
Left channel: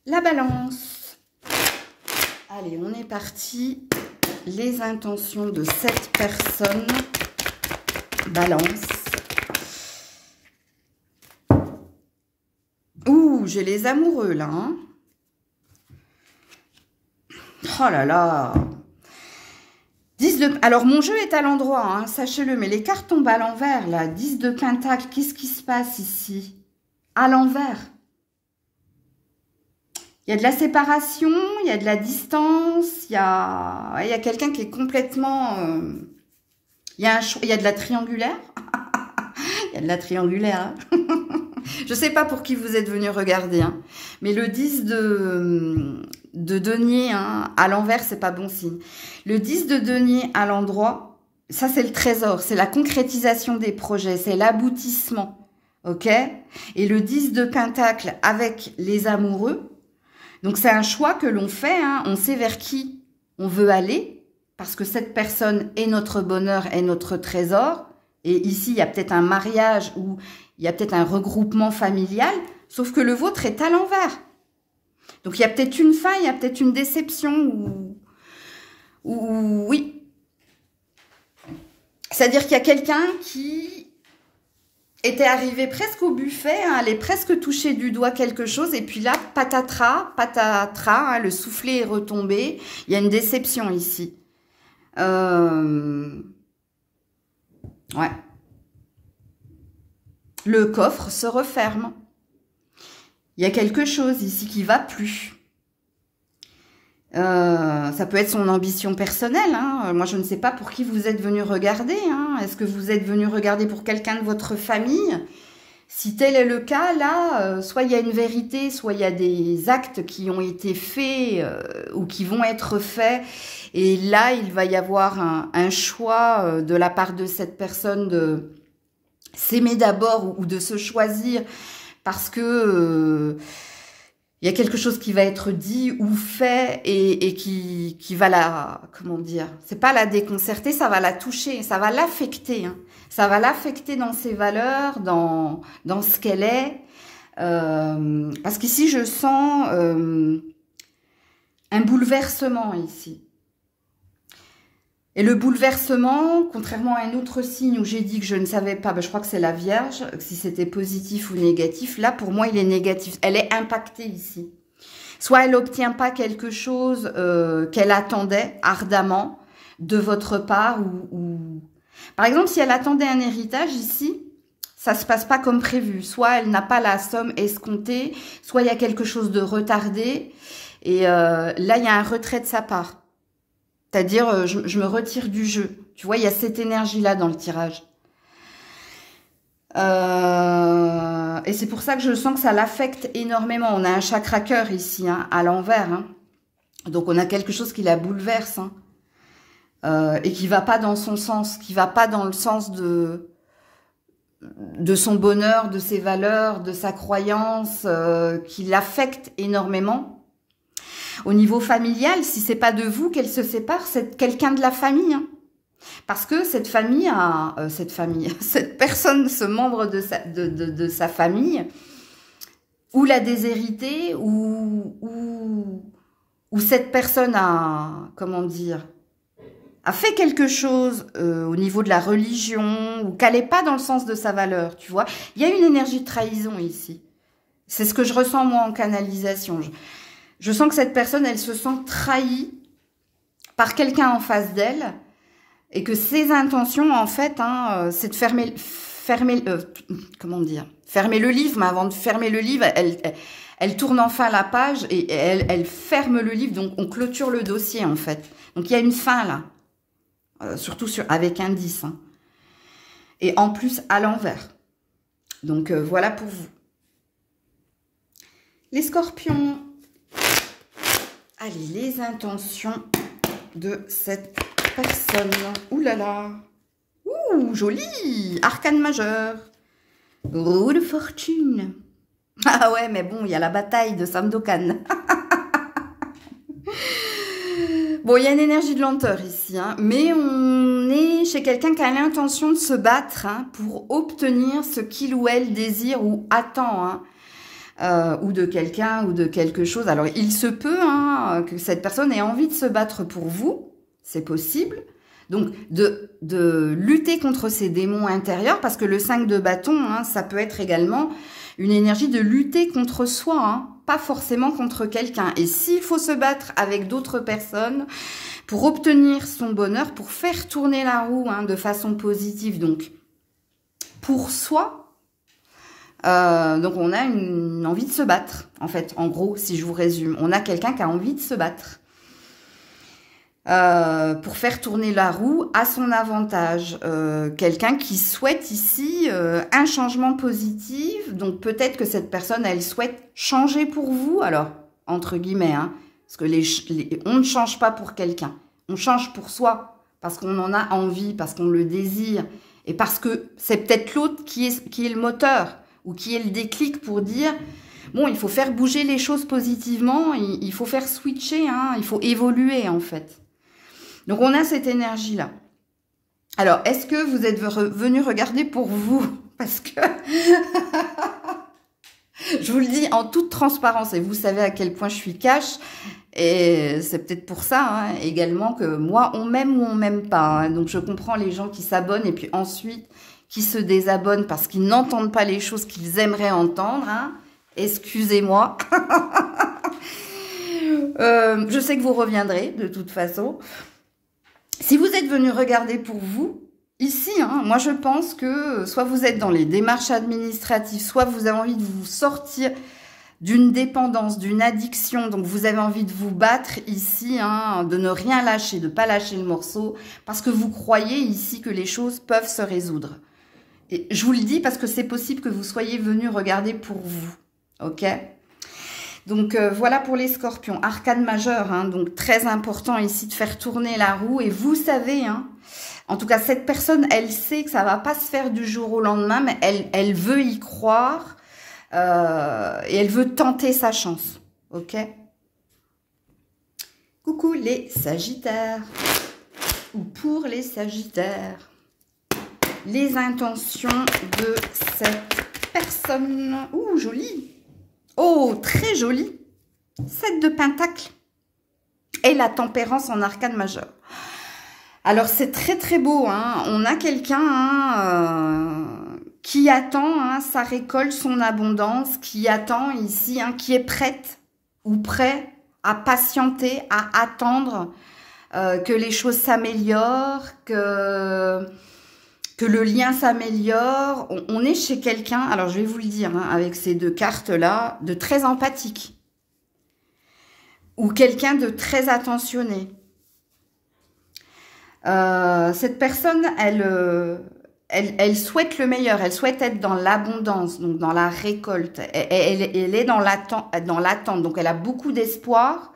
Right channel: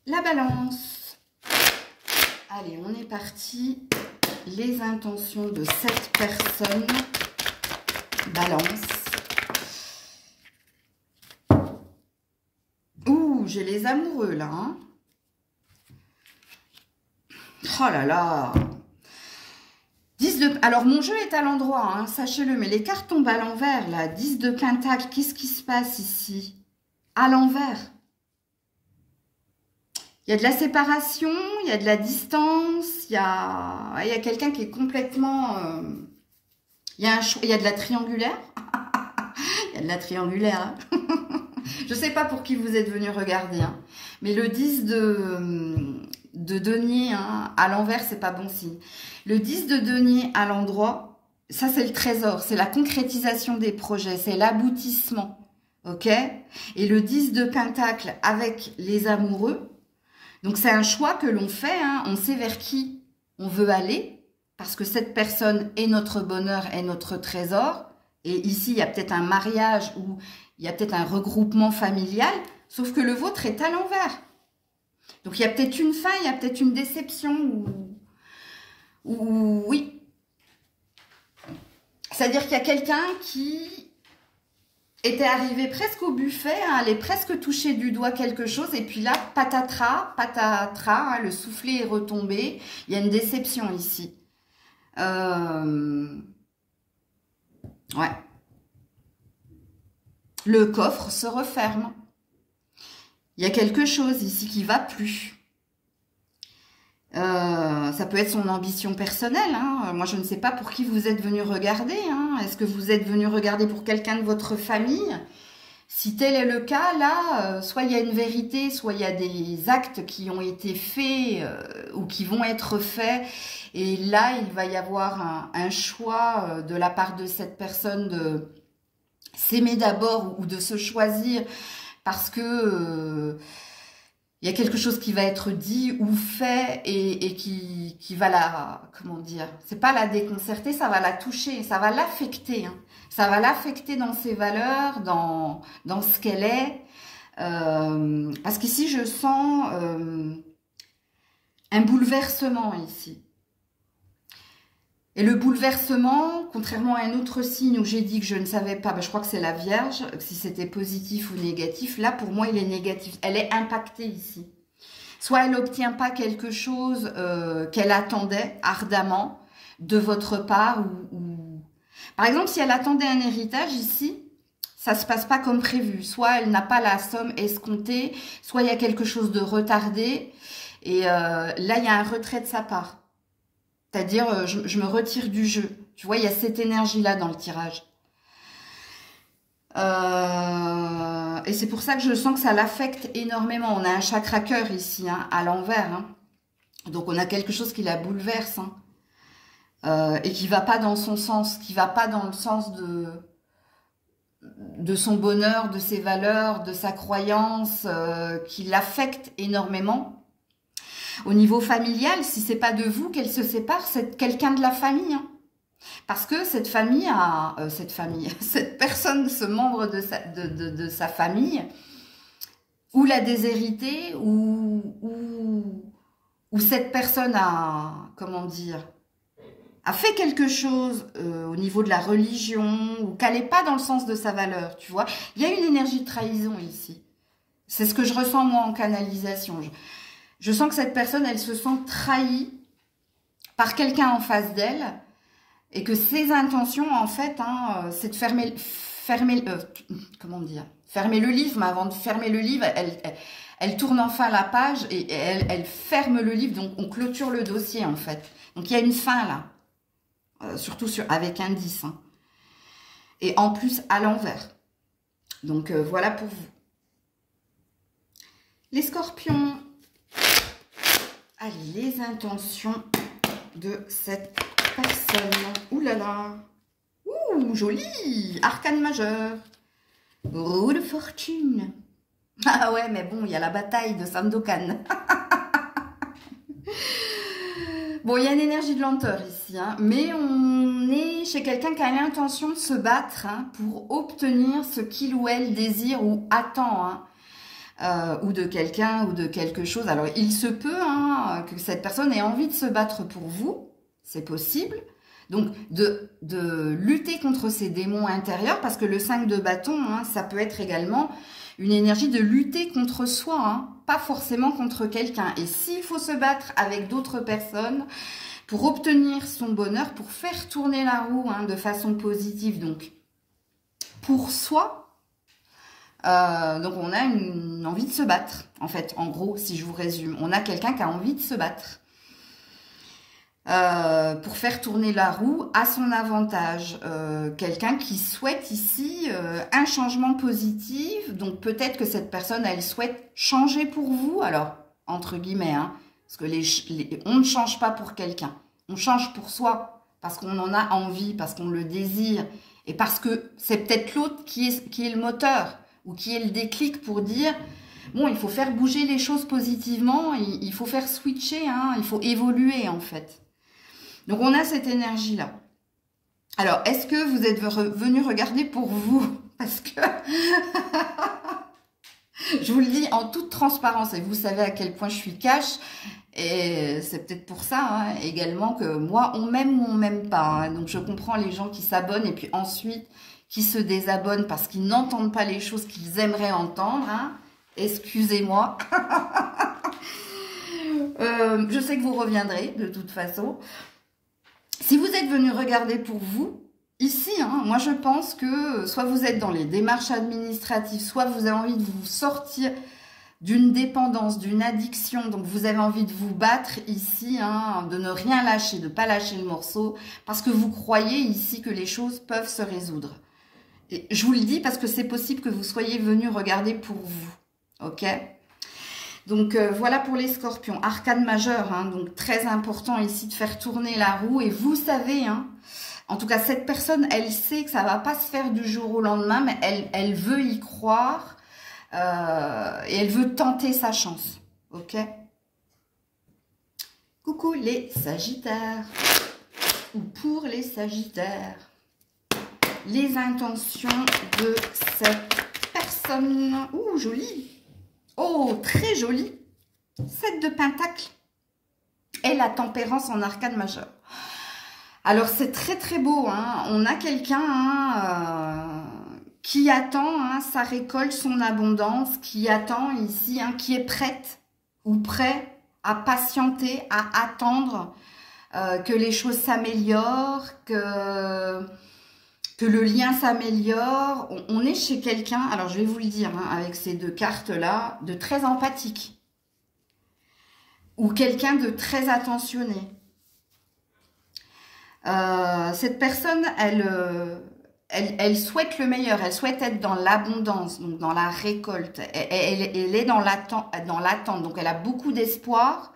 La balance. Allez, on est parti. Les intentions de cette personne. Balance. Ouh, j'ai les amoureux, là. Hein. Oh là là. 10 de... Alors, mon jeu est à l'endroit, hein, sachez-le. Mais les cartes tombent à l'envers, là. 10 de pentacle. Qu'est-ce qui se passe ici? À l'envers. Il y a de la séparation, il y a de la distance. Il y a quelqu'un qui est complètement... il y a de la triangulaire. Il y a de la triangulaire, hein. Je ne sais pas pour qui vous êtes venu regarder, hein. Mais le 10 de de denier hein, à l'envers, c'est pas bon signe. Le 10 de denier à l'endroit, ça c'est le trésor, c'est la concrétisation des projets, c'est l'aboutissement, ok? Et le 10 de pentacle avec les amoureux, donc c'est un choix que l'on fait, hein, on sait vers qui on veut aller, parce que cette personne est notre bonheur, est notre trésor, et ici il y a peut-être un mariage ou il y a peut-être un regroupement familial, sauf que le vôtre est à l'envers. Donc, il y a peut-être une fin, il y a peut-être une déception ou oui. C'est-à-dire qu'il y a quelqu'un qui était arrivé presque au buffet, hein, allait presque toucher du doigt quelque chose, et puis là, patatras, patatras, hein, le soufflet est retombé. Il y a une déception ici. Ouais. Le coffre se referme. Il y a quelque chose ici qui va plus. Ça peut être son ambition personnelle. Hein. Moi, je ne sais pas pour qui vous êtes venu regarder. Hein. Est-ce que vous êtes venu regarder pour quelqu'un de votre famille? Si tel est le cas, là, soit il y a une vérité, soit il y a des actes qui ont été faits ou qui vont être faits. Et là, il va y avoir un choix de la part de cette personne de s'aimer d'abord ou de se choisir parce que il y a quelque chose qui va être dit ou fait et qui va la, comment dire, c'est pas la déconcerter, ça va la toucher, ça va l'affecter, hein. Ça va l'affecter dans ses valeurs, dans ce qu'elle est, parce qu'ici je sens un bouleversement ici. Et le bouleversement, contrairement à un autre signe où j'ai dit que je ne savais pas, ben je crois que c'est la Vierge, si c'était positif ou négatif, là pour moi il est négatif, elle est impactée ici. Soit elle n'obtient pas quelque chose qu'elle attendait ardemment de votre part, ou... Par exemple, si elle attendait un héritage ici, ça ne se passe pas comme prévu. Soit elle n'a pas la somme escomptée, soit il y a quelque chose de retardé, et là il y a un retrait de sa part. C'est-à-dire, je me retire du jeu. Tu vois, il y a cette énergie-là dans le tirage. Et c'est pour ça que je sens que ça l'affecte énormément. On a un chakra cœur ici, hein, à l'envers. Hein. Donc, on a quelque chose qui la bouleverse. Hein, et qui ne va pas dans son sens, qui ne va pas dans le sens de son bonheur, de ses valeurs, de sa croyance, qui l'affecte énormément. Au niveau familial, si c'est pas de vous qu'elle se sépare, c'est quelqu'un de la famille. Hein. Parce que cette famille a... cette personne, ce membre de sa famille, ou l'a déshérité, ou cette personne a... Comment dire, a fait quelque chose au niveau de la religion, ou qu'elle n'est pas dans le sens de sa valeur, tu vois. Il y a une énergie de trahison ici. C'est ce que je ressens, moi, en canalisation. Je sens que cette personne, elle se sent trahie par quelqu'un en face d'elle et que ses intentions, en fait, hein, c'est de fermer le livre, mais avant de fermer le livre, elle tourne enfin la page et elle ferme le livre, donc on clôture le dossier, en fait. Donc, il y a une fin, là, surtout avec un 10. Hein. Et en plus, à l'envers. Donc, voilà pour vous. Les scorpions... Allez, les intentions de cette personne. Ouh là là. Ouh, joli. Arcane majeur. Roue de fortune. Ah ouais, mais bon, il y a la bataille de Sandokan. Bon, il y a une énergie de lenteur ici, hein, mais on est chez quelqu'un qui a l'intention de se battre hein, pour obtenir ce qu'il ou elle désire ou attend, hein. Ou de quelqu'un ou de quelque chose. Alors, il se peut hein, que cette personne ait envie de se battre pour vous. C'est possible. Donc, de lutter contre ses démons intérieurs, parce que le 5 de bâton, hein, ça peut être également une énergie de lutter contre soi, hein, pas forcément contre quelqu'un. Et s'il faut se battre avec d'autres personnes pour obtenir son bonheur, pour faire tourner la roue hein, de façon positive, donc pour soi, donc on a une envie de se battre, en fait, en gros, si je vous résume. On a quelqu'un qui a envie de se battre pour faire tourner la roue à son avantage. Quelqu'un qui souhaite ici un changement positif. Donc peut-être que cette personne, elle souhaite changer pour vous. Alors, entre guillemets, hein, Parce que on ne change pas pour quelqu'un. On change pour soi, parce qu'on en a envie, parce qu'on le désire. Et parce que c'est peut-être l'autre qui est le moteur, ou qui est le déclic pour dire, bon, il faut faire bouger les choses positivement, il faut faire switcher, hein, il faut évoluer en fait. Donc on a cette énergie-là. Alors, est-ce que vous êtes venu regarder pour vous? Parce que, je vous le dis en toute transparence, et vous savez à quel point je suis cash, et c'est peut-être pour ça hein, également que moi, on m'aime ou on m'aime pas. Hein. Donc je comprends les gens qui s'abonnent et puis ensuite qui se désabonnent parce qu'ils n'entendent pas les choses qu'ils aimeraient entendre. Hein. Excusez-moi. Je sais que vous reviendrez de toute façon. Si vous êtes venu regarder pour vous, ici, hein, moi je pense que soit vous êtes dans les démarches administratives, soit vous avez envie de vous sortir d'une dépendance, d'une addiction, donc vous avez envie de vous battre ici, hein, de ne rien lâcher, de ne pas lâcher le morceau, parce que vous croyez ici que les choses peuvent se résoudre. Et je vous le dis parce que c'est possible que vous soyez venu regarder pour vous, ok? Donc voilà pour les scorpions, arcane majeur, hein, donc très important ici de faire tourner la roue, et vous savez, hein, en tout cas cette personne, elle sait que ça ne va pas se faire du jour au lendemain, mais elle veut y croire, et elle veut tenter sa chance, ok? Coucou les sagittaires, ou pour les sagittaires, les intentions de cette personne, ouh joli, oh très joli, 7 de pentacles, et la tempérance en arcane majeur. Alors c'est très très beau, hein. On a quelqu'un hein, qui attend hein, sa récolte, son abondance, qui attend ici, hein, qui est prête ou prêt à patienter, à attendre que les choses s'améliorent, que le lien s'améliore. On est chez quelqu'un, alors je vais vous le dire, hein, avec ces deux cartes-là, de très empathique. Ou quelqu'un de très attentionné. Cette personne, elle souhaite le meilleur, elle souhaite être dans l'abondance, donc dans la récolte. Elle est dans l'attente, donc elle a beaucoup d'espoir.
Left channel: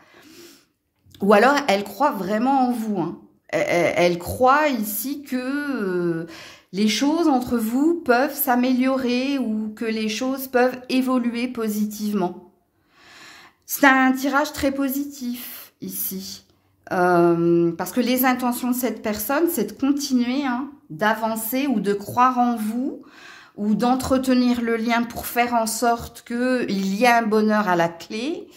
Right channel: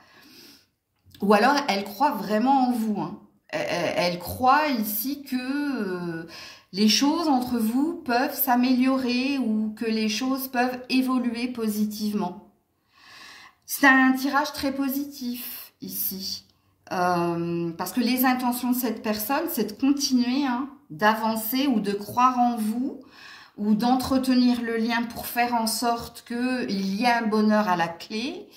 Ou alors, elle croit vraiment en vous. Hein. Elle croit ici que les choses entre vous peuvent s'améliorer ou que les choses peuvent évoluer positivement. C'est un tirage très positif ici. Parce que les intentions de cette personne, c'est de continuer, hein, d'avancer ou de croire en vous ou d'entretenir le lien pour faire en sorte qu'il y ait un bonheur à la clé.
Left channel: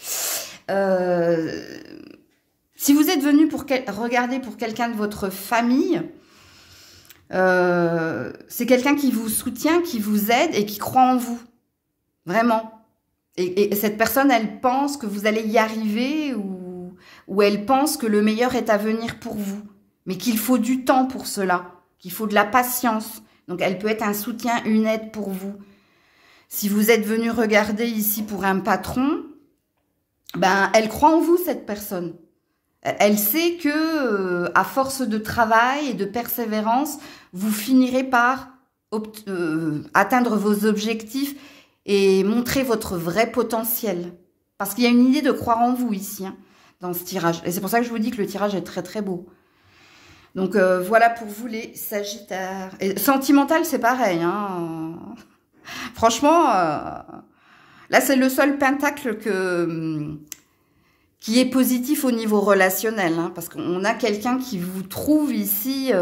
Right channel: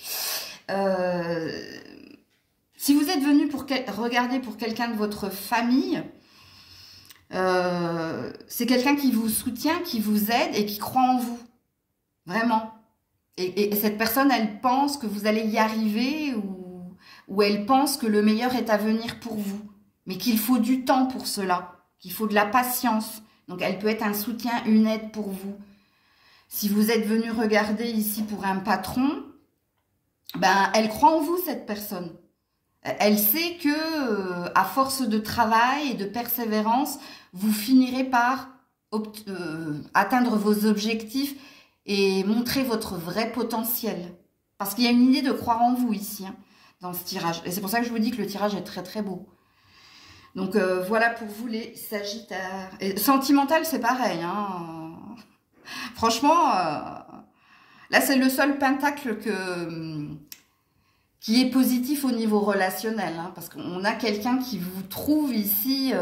Si vous êtes venu pour regarder pour quelqu'un de votre famille, c'est quelqu'un qui vous soutient, qui vous aide et qui croit en vous. Vraiment. Et cette personne, elle pense que vous allez y arriver ou elle pense que le meilleur est à venir pour vous. Mais qu'il faut du temps pour cela, qu'il faut de la patience. Donc, elle peut être un soutien, une aide pour vous. Si vous êtes venu regarder ici pour un patron, ben, elle croit en vous, cette personne. Elle sait que, à force de travail et de persévérance, vous finirez par atteindre vos objectifs et montrer votre vrai potentiel. Parce qu'il y a une idée de croire en vous ici, hein, dans ce tirage. Et c'est pour ça que je vous dis que le tirage est très très beau. Donc voilà pour vous les sagittaires. Et sentimental, c'est pareil. Hein. Franchement, là c'est le seul pentacle qui est positif au niveau relationnel. Hein, parce qu'on a quelqu'un qui vous trouve ici...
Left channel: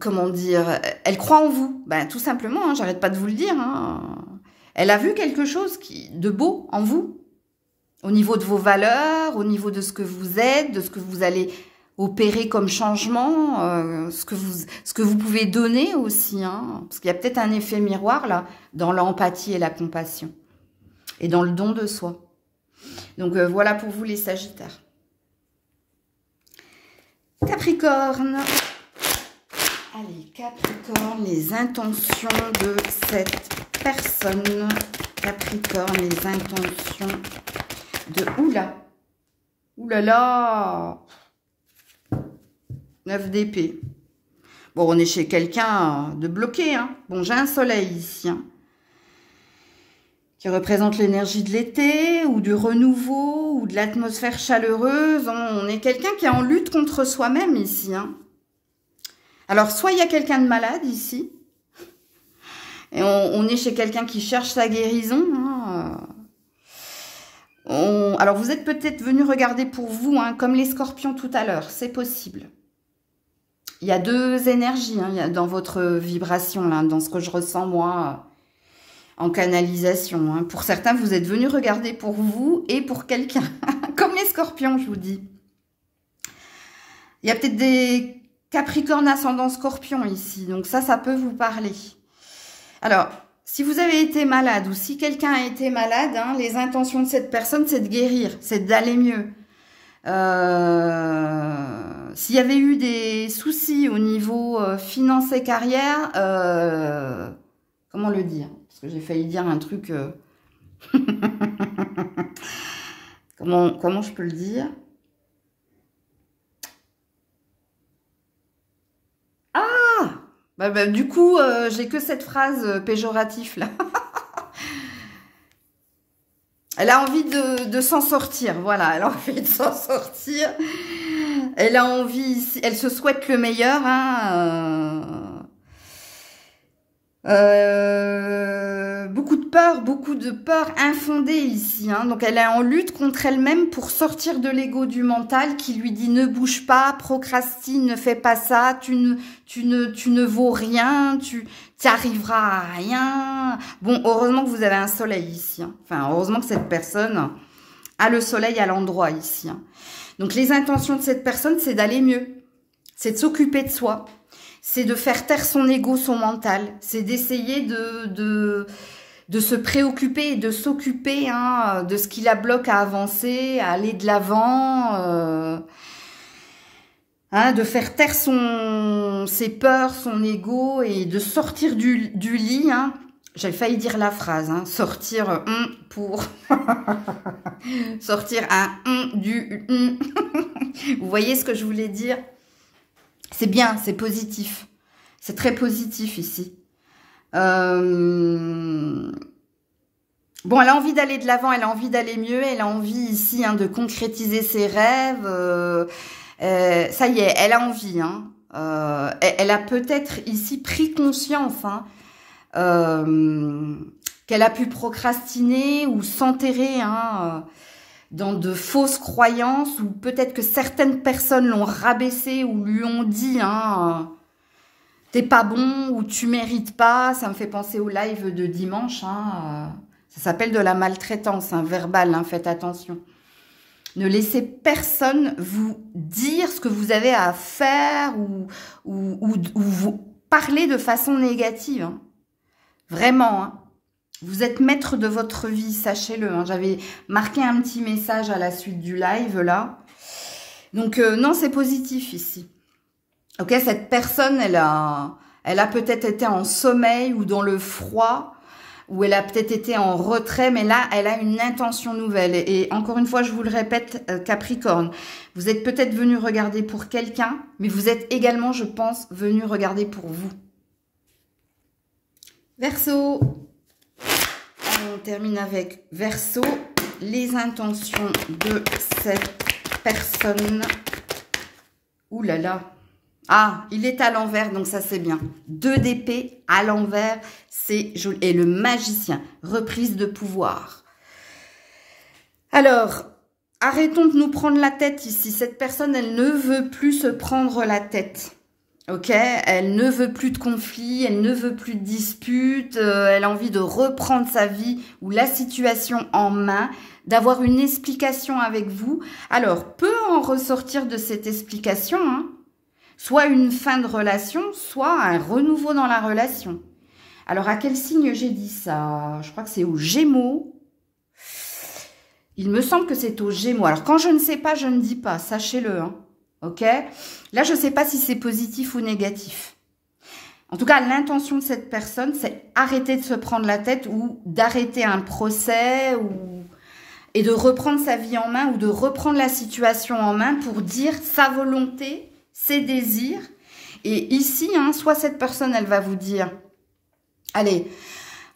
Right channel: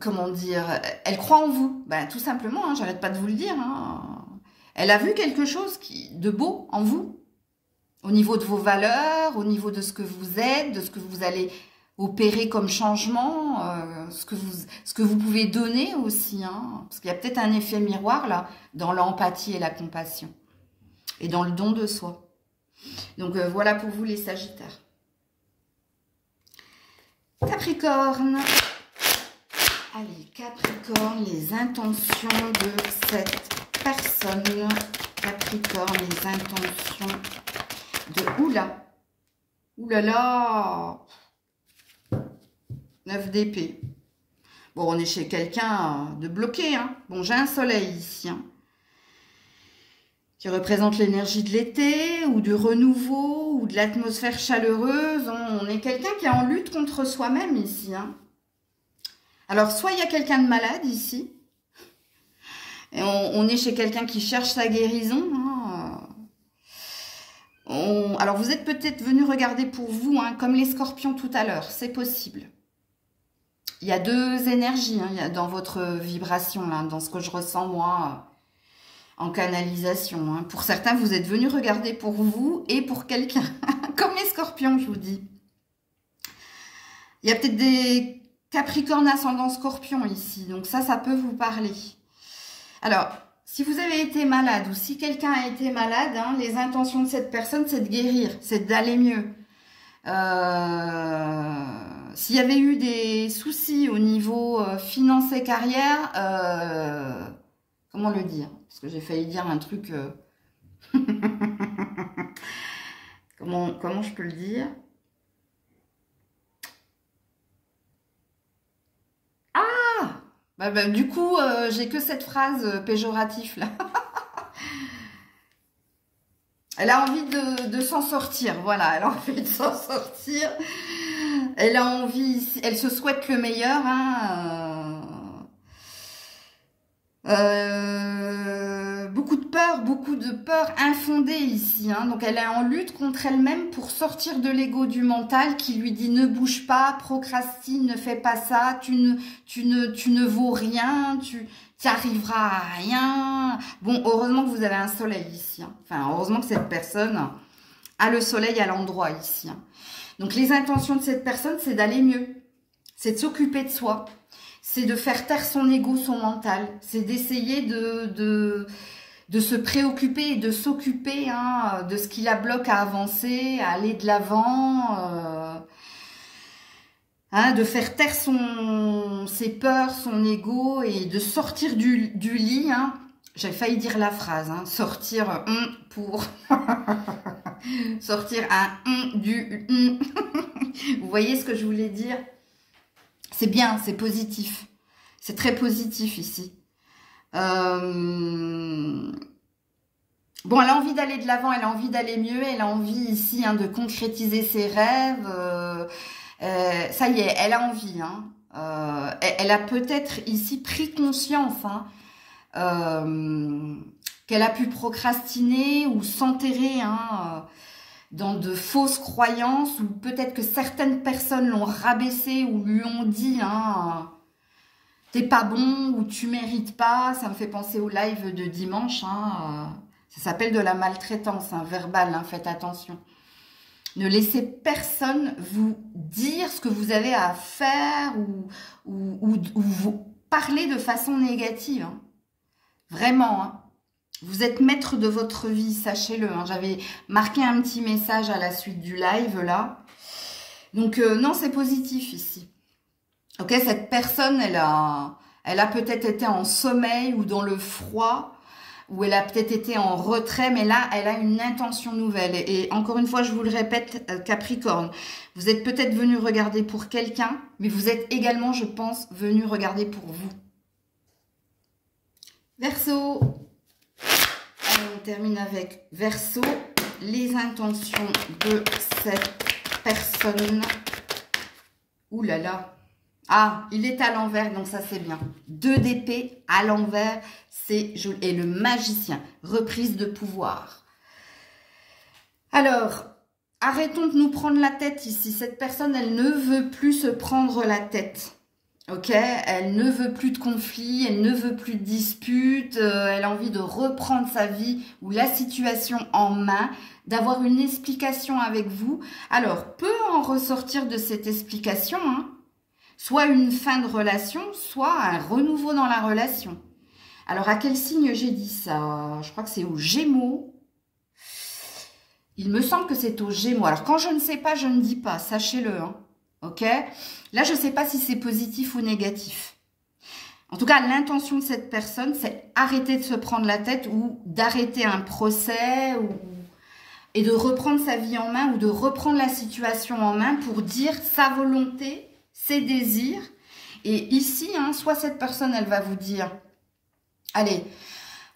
comment dire, elle croit en vous. Ben, tout simplement, hein, j'arrête pas de vous le dire. Hein. Elle a vu quelque chose de beau en vous. Au niveau de vos valeurs, au niveau de ce que vous êtes, de ce que vous allez opérer comme changement, ce que vous pouvez donner aussi. Hein, parce qu'il y a peut-être un effet miroir là, dans l'empathie et la compassion. Et dans le don de soi. Donc voilà pour vous les sagittaires. Capricorne. Allez, Capricorne, les intentions de cette personne. Capricorne, les intentions de... Oula. Oulala. 9 d'épée. Bon, on est chez quelqu'un de bloqué. Hein. Bon, j'ai un soleil ici. Hein. qui représente l'énergie de l'été, ou du renouveau, ou de l'atmosphère chaleureuse. On est quelqu'un qui est en lutte contre soi-même ici. Hein. Alors, soit il y a quelqu'un de malade ici, et on est chez quelqu'un qui cherche sa guérison. Hein. Alors, vous êtes peut-être venu regarder pour vous, hein, comme les scorpions tout à l'heure, c'est possible. Il y a deux énergies hein, dans votre vibration, là, dans ce que je ressens, moi, en canalisation. Hein. Pour certains, vous êtes venus regarder pour vous et pour quelqu'un. Comme les scorpions, je vous dis. Il y a peut-être des capricornes ascendant scorpion ici. Donc ça peut vous parler. Alors, si vous avez été malade ou si quelqu'un a été malade, hein, les intentions de cette personne, c'est de guérir, c'est d'aller mieux. S'il y avait eu des soucis au niveau finance et carrière, comment le dire? Parce que j'ai failli dire un truc... comment je peux le dire? Ah, du coup, j'ai que cette phrase péjorative là. Elle a envie de s'en sortir, voilà, elle a envie de s'en sortir. Elle a envie, elle se souhaite le meilleur, hein. Beaucoup de peur infondée ici. Hein. Donc, elle est en lutte contre elle-même pour sortir de l'ego du mental qui lui dit ne bouge pas, procrastine, ne fais pas ça, tu ne vaux rien, tu arriveras à rien. Bon, heureusement que vous avez un soleil ici. Hein. Enfin, heureusement que cette personne a le soleil à l'endroit ici. Hein. Donc, les intentions de cette personne, c'est d'aller mieux. C'est de s'occuper de soi. C'est de faire taire son ego, son mental. C'est d'essayer de se préoccuper et de s'occuper hein, de ce qui la bloque à avancer, à aller de l'avant, hein, de faire taire ses peurs, son ego et de sortir du lit. Hein. J'ai failli dire la phrase, hein, sortir pour sortir du Vous voyez ce que je voulais dire? C'est bien, c'est positif. C'est très positif ici. Bon, elle a envie d'aller de l'avant, elle a envie d'aller mieux, elle a envie ici hein, de concrétiser ses rêves. Ça y est, elle a envie. Hein. Elle a peut-être ici pris conscience hein, qu'elle a pu procrastiner ou s'enterrer hein, dans de fausses croyances, ou peut-être que certaines personnes l'ont rabaissé ou lui ont dit hein, t'es pas bon ou tu mérites pas. Ça me fait penser au live de dimanche. Hein, ça s'appelle de la maltraitance hein, verbale. Hein, faites attention. Ne laissez personne vous dire ce que vous avez à faire ou vous parler de façon négative. Hein. Vraiment. Hein. Vous êtes maître de votre vie, sachez-le. Hein. J'avais marqué un petit message à la suite du live, là. Donc, non, c'est positif ici. Ok, cette personne, elle a peut-être été en sommeil ou dans le froid, ou elle a peut-être été en retrait, mais là, elle a une intention nouvelle. Et encore une fois, je vous le répète, Capricorne, vous êtes peut-être venu regarder pour quelqu'un, mais vous êtes également, je pense, venu regarder pour vous. Verseau. On termine avec Verseau, les intentions de cette personne. Ouh là là. Ah, il est à l'envers, donc ça c'est bien. 2 d'épée à l'envers, c'est joli. Et le magicien, reprise de pouvoir. Alors, arrêtons de nous prendre la tête ici. Cette personne, elle ne veut plus se prendre la tête. Ok, elle ne veut plus de conflits, elle ne veut plus de disputes, elle a envie de reprendre sa vie ou la situation en main, d'avoir une explication avec vous. Alors, peut en ressortir de cette explication, hein, soit une fin de relation, soit un renouveau dans la relation. Alors, à quel signe j'ai dit ça? Je crois que c'est aux Gémeaux. Il me semble que c'est aux Gémeaux. Alors, quand je ne sais pas, je ne dis pas, sachez-le, hein. Ok, là, je ne sais pas si c'est positif ou négatif. En tout cas, l'intention de cette personne, c'est arrêter de se prendre la tête ou d'arrêter un procès et de reprendre sa vie en main ou de reprendre la situation en main pour dire sa volonté, ses désirs. Et ici, hein, soit cette personne, elle va vous dire, allez,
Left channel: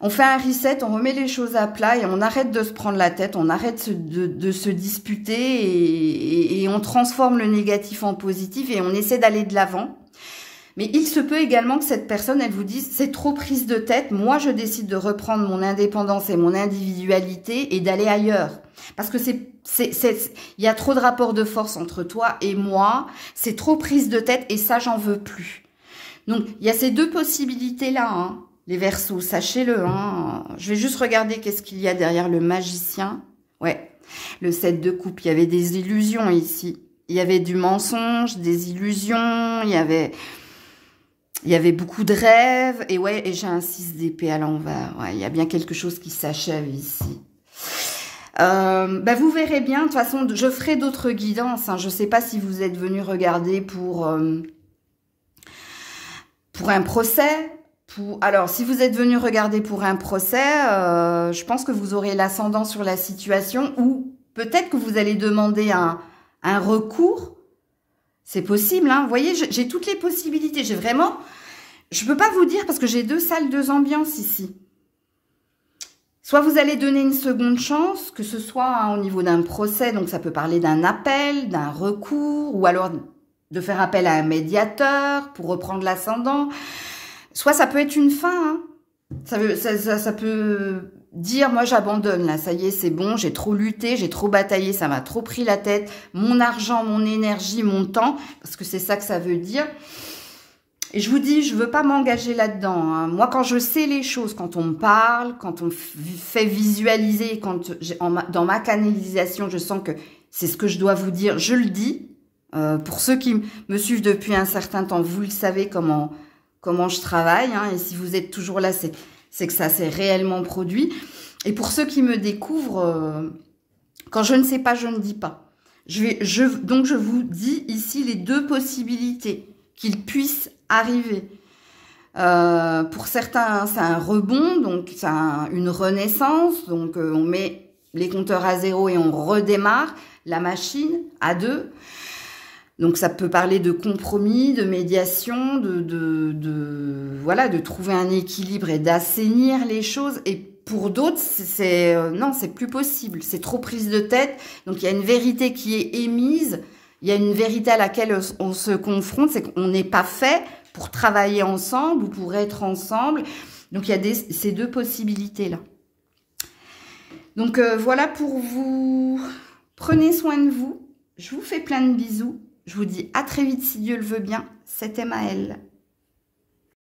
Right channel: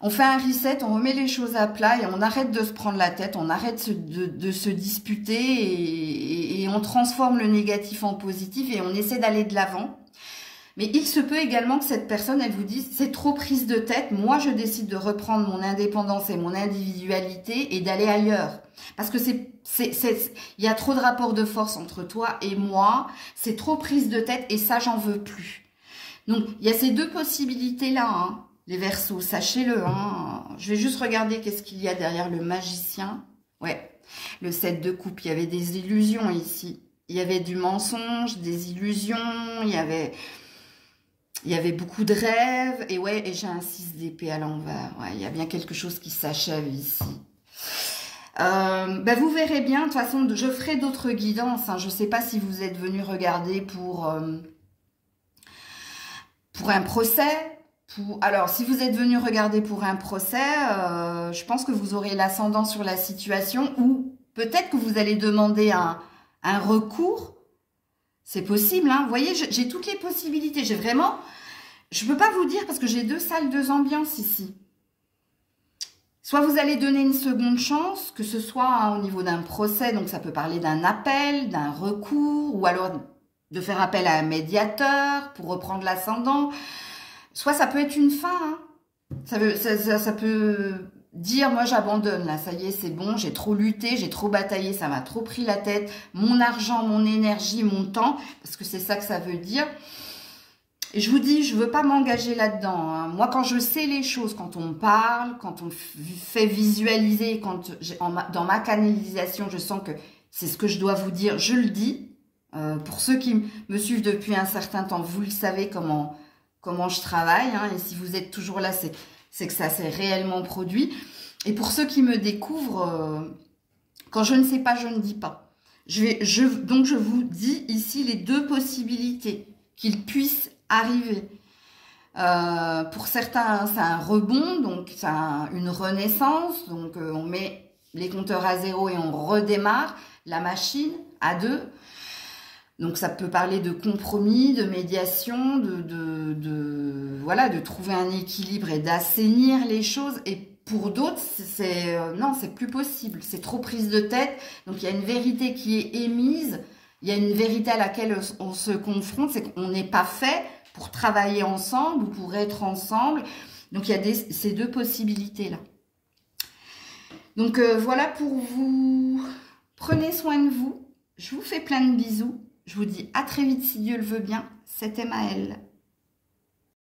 On fait un reset, on remet les choses à plat et on arrête de se prendre la tête, on arrête de se disputer et on transforme le négatif en positif et on essaie d'aller de l'avant. Mais il se peut également que cette personne, elle vous dise, c'est trop prise de tête, moi je décide de reprendre mon indépendance et mon individualité et d'aller ailleurs. Parce que il y a trop de rapports de force entre toi et moi, c'est trop prise de tête et ça j'en veux plus. Donc il y a ces deux possibilités-là, hein. Les Verseaux, sachez-le, hein. Je vais juste regarder qu'est-ce qu'il y a derrière le magicien. Ouais, le 7 de coupe, il y avait des illusions ici. Il y avait du mensonge, des illusions, il y avait beaucoup de rêves. Et ouais, et j'ai un 6 d'épée à l'envers. Ouais, il y a bien quelque chose qui s'achève ici. Vous verrez bien, de toute façon, je ferai d'autres guidances. Hein. Je ne sais pas si vous êtes venu regarder pour un procès. Alors, si vous êtes venu regarder pour un procès, je pense que vous aurez l'ascendant sur la situation ou peut-être que vous allez demander un recours. C'est possible, hein. Vous voyez, j'ai toutes les possibilités. J'ai vraiment... Je ne peux pas vous dire parce que j'ai 2 salles, 2 ambiances ici. Soit vous allez donner une seconde chance, que ce soit au niveau d'un procès, donc ça peut parler d'un appel, d'un recours, ou alors de faire appel à un médiateur pour reprendre l'ascendant. Soit ça peut être une fin, hein. Ça peut dire, moi j'abandonne, là, ça y est, c'est bon, j'ai trop lutté, j'ai trop bataillé, ça m'a trop pris la tête, mon argent, mon énergie, mon temps, parce que c'est ça que ça veut dire. Et je vous dis, je ne veux pas m'engager là-dedans, hein. Moi, quand je sais les choses, quand on me parle, quand on me fait visualiser, dans ma canalisation, je sens que c'est ce que je dois vous dire, je le dis. Pour ceux qui me suivent depuis un certain temps, vous le savez comment je travaille, hein. Et si vous êtes toujours là, c'est que ça s'est réellement produit. Et pour ceux qui me découvrent, quand je ne sais pas, je ne dis pas. Donc, je vous dis ici les 2 possibilités qu'il puisse arriver. Pour certains, c'est un rebond, donc c'est une renaissance. Donc, on met les compteurs à 0 et on redémarre la machine à 2. Donc, ça peut parler de compromis, de médiation, voilà, de trouver un équilibre et d'assainir les choses. Et pour d'autres, non, c'est plus possible. C'est trop prise de tête. Donc, il y a une vérité qui est émise. Il y a une vérité à laquelle on se confronte. C'est qu'on n'est pas fait pour travailler ensemble ou pour être ensemble. Donc, il y a ces 2 possibilités-là. Donc, voilà pour vous. Prenez soin de vous. Je vous fais plein de bisous. Je vous dis à très vite si Dieu le veut bien. C'était Maëlle.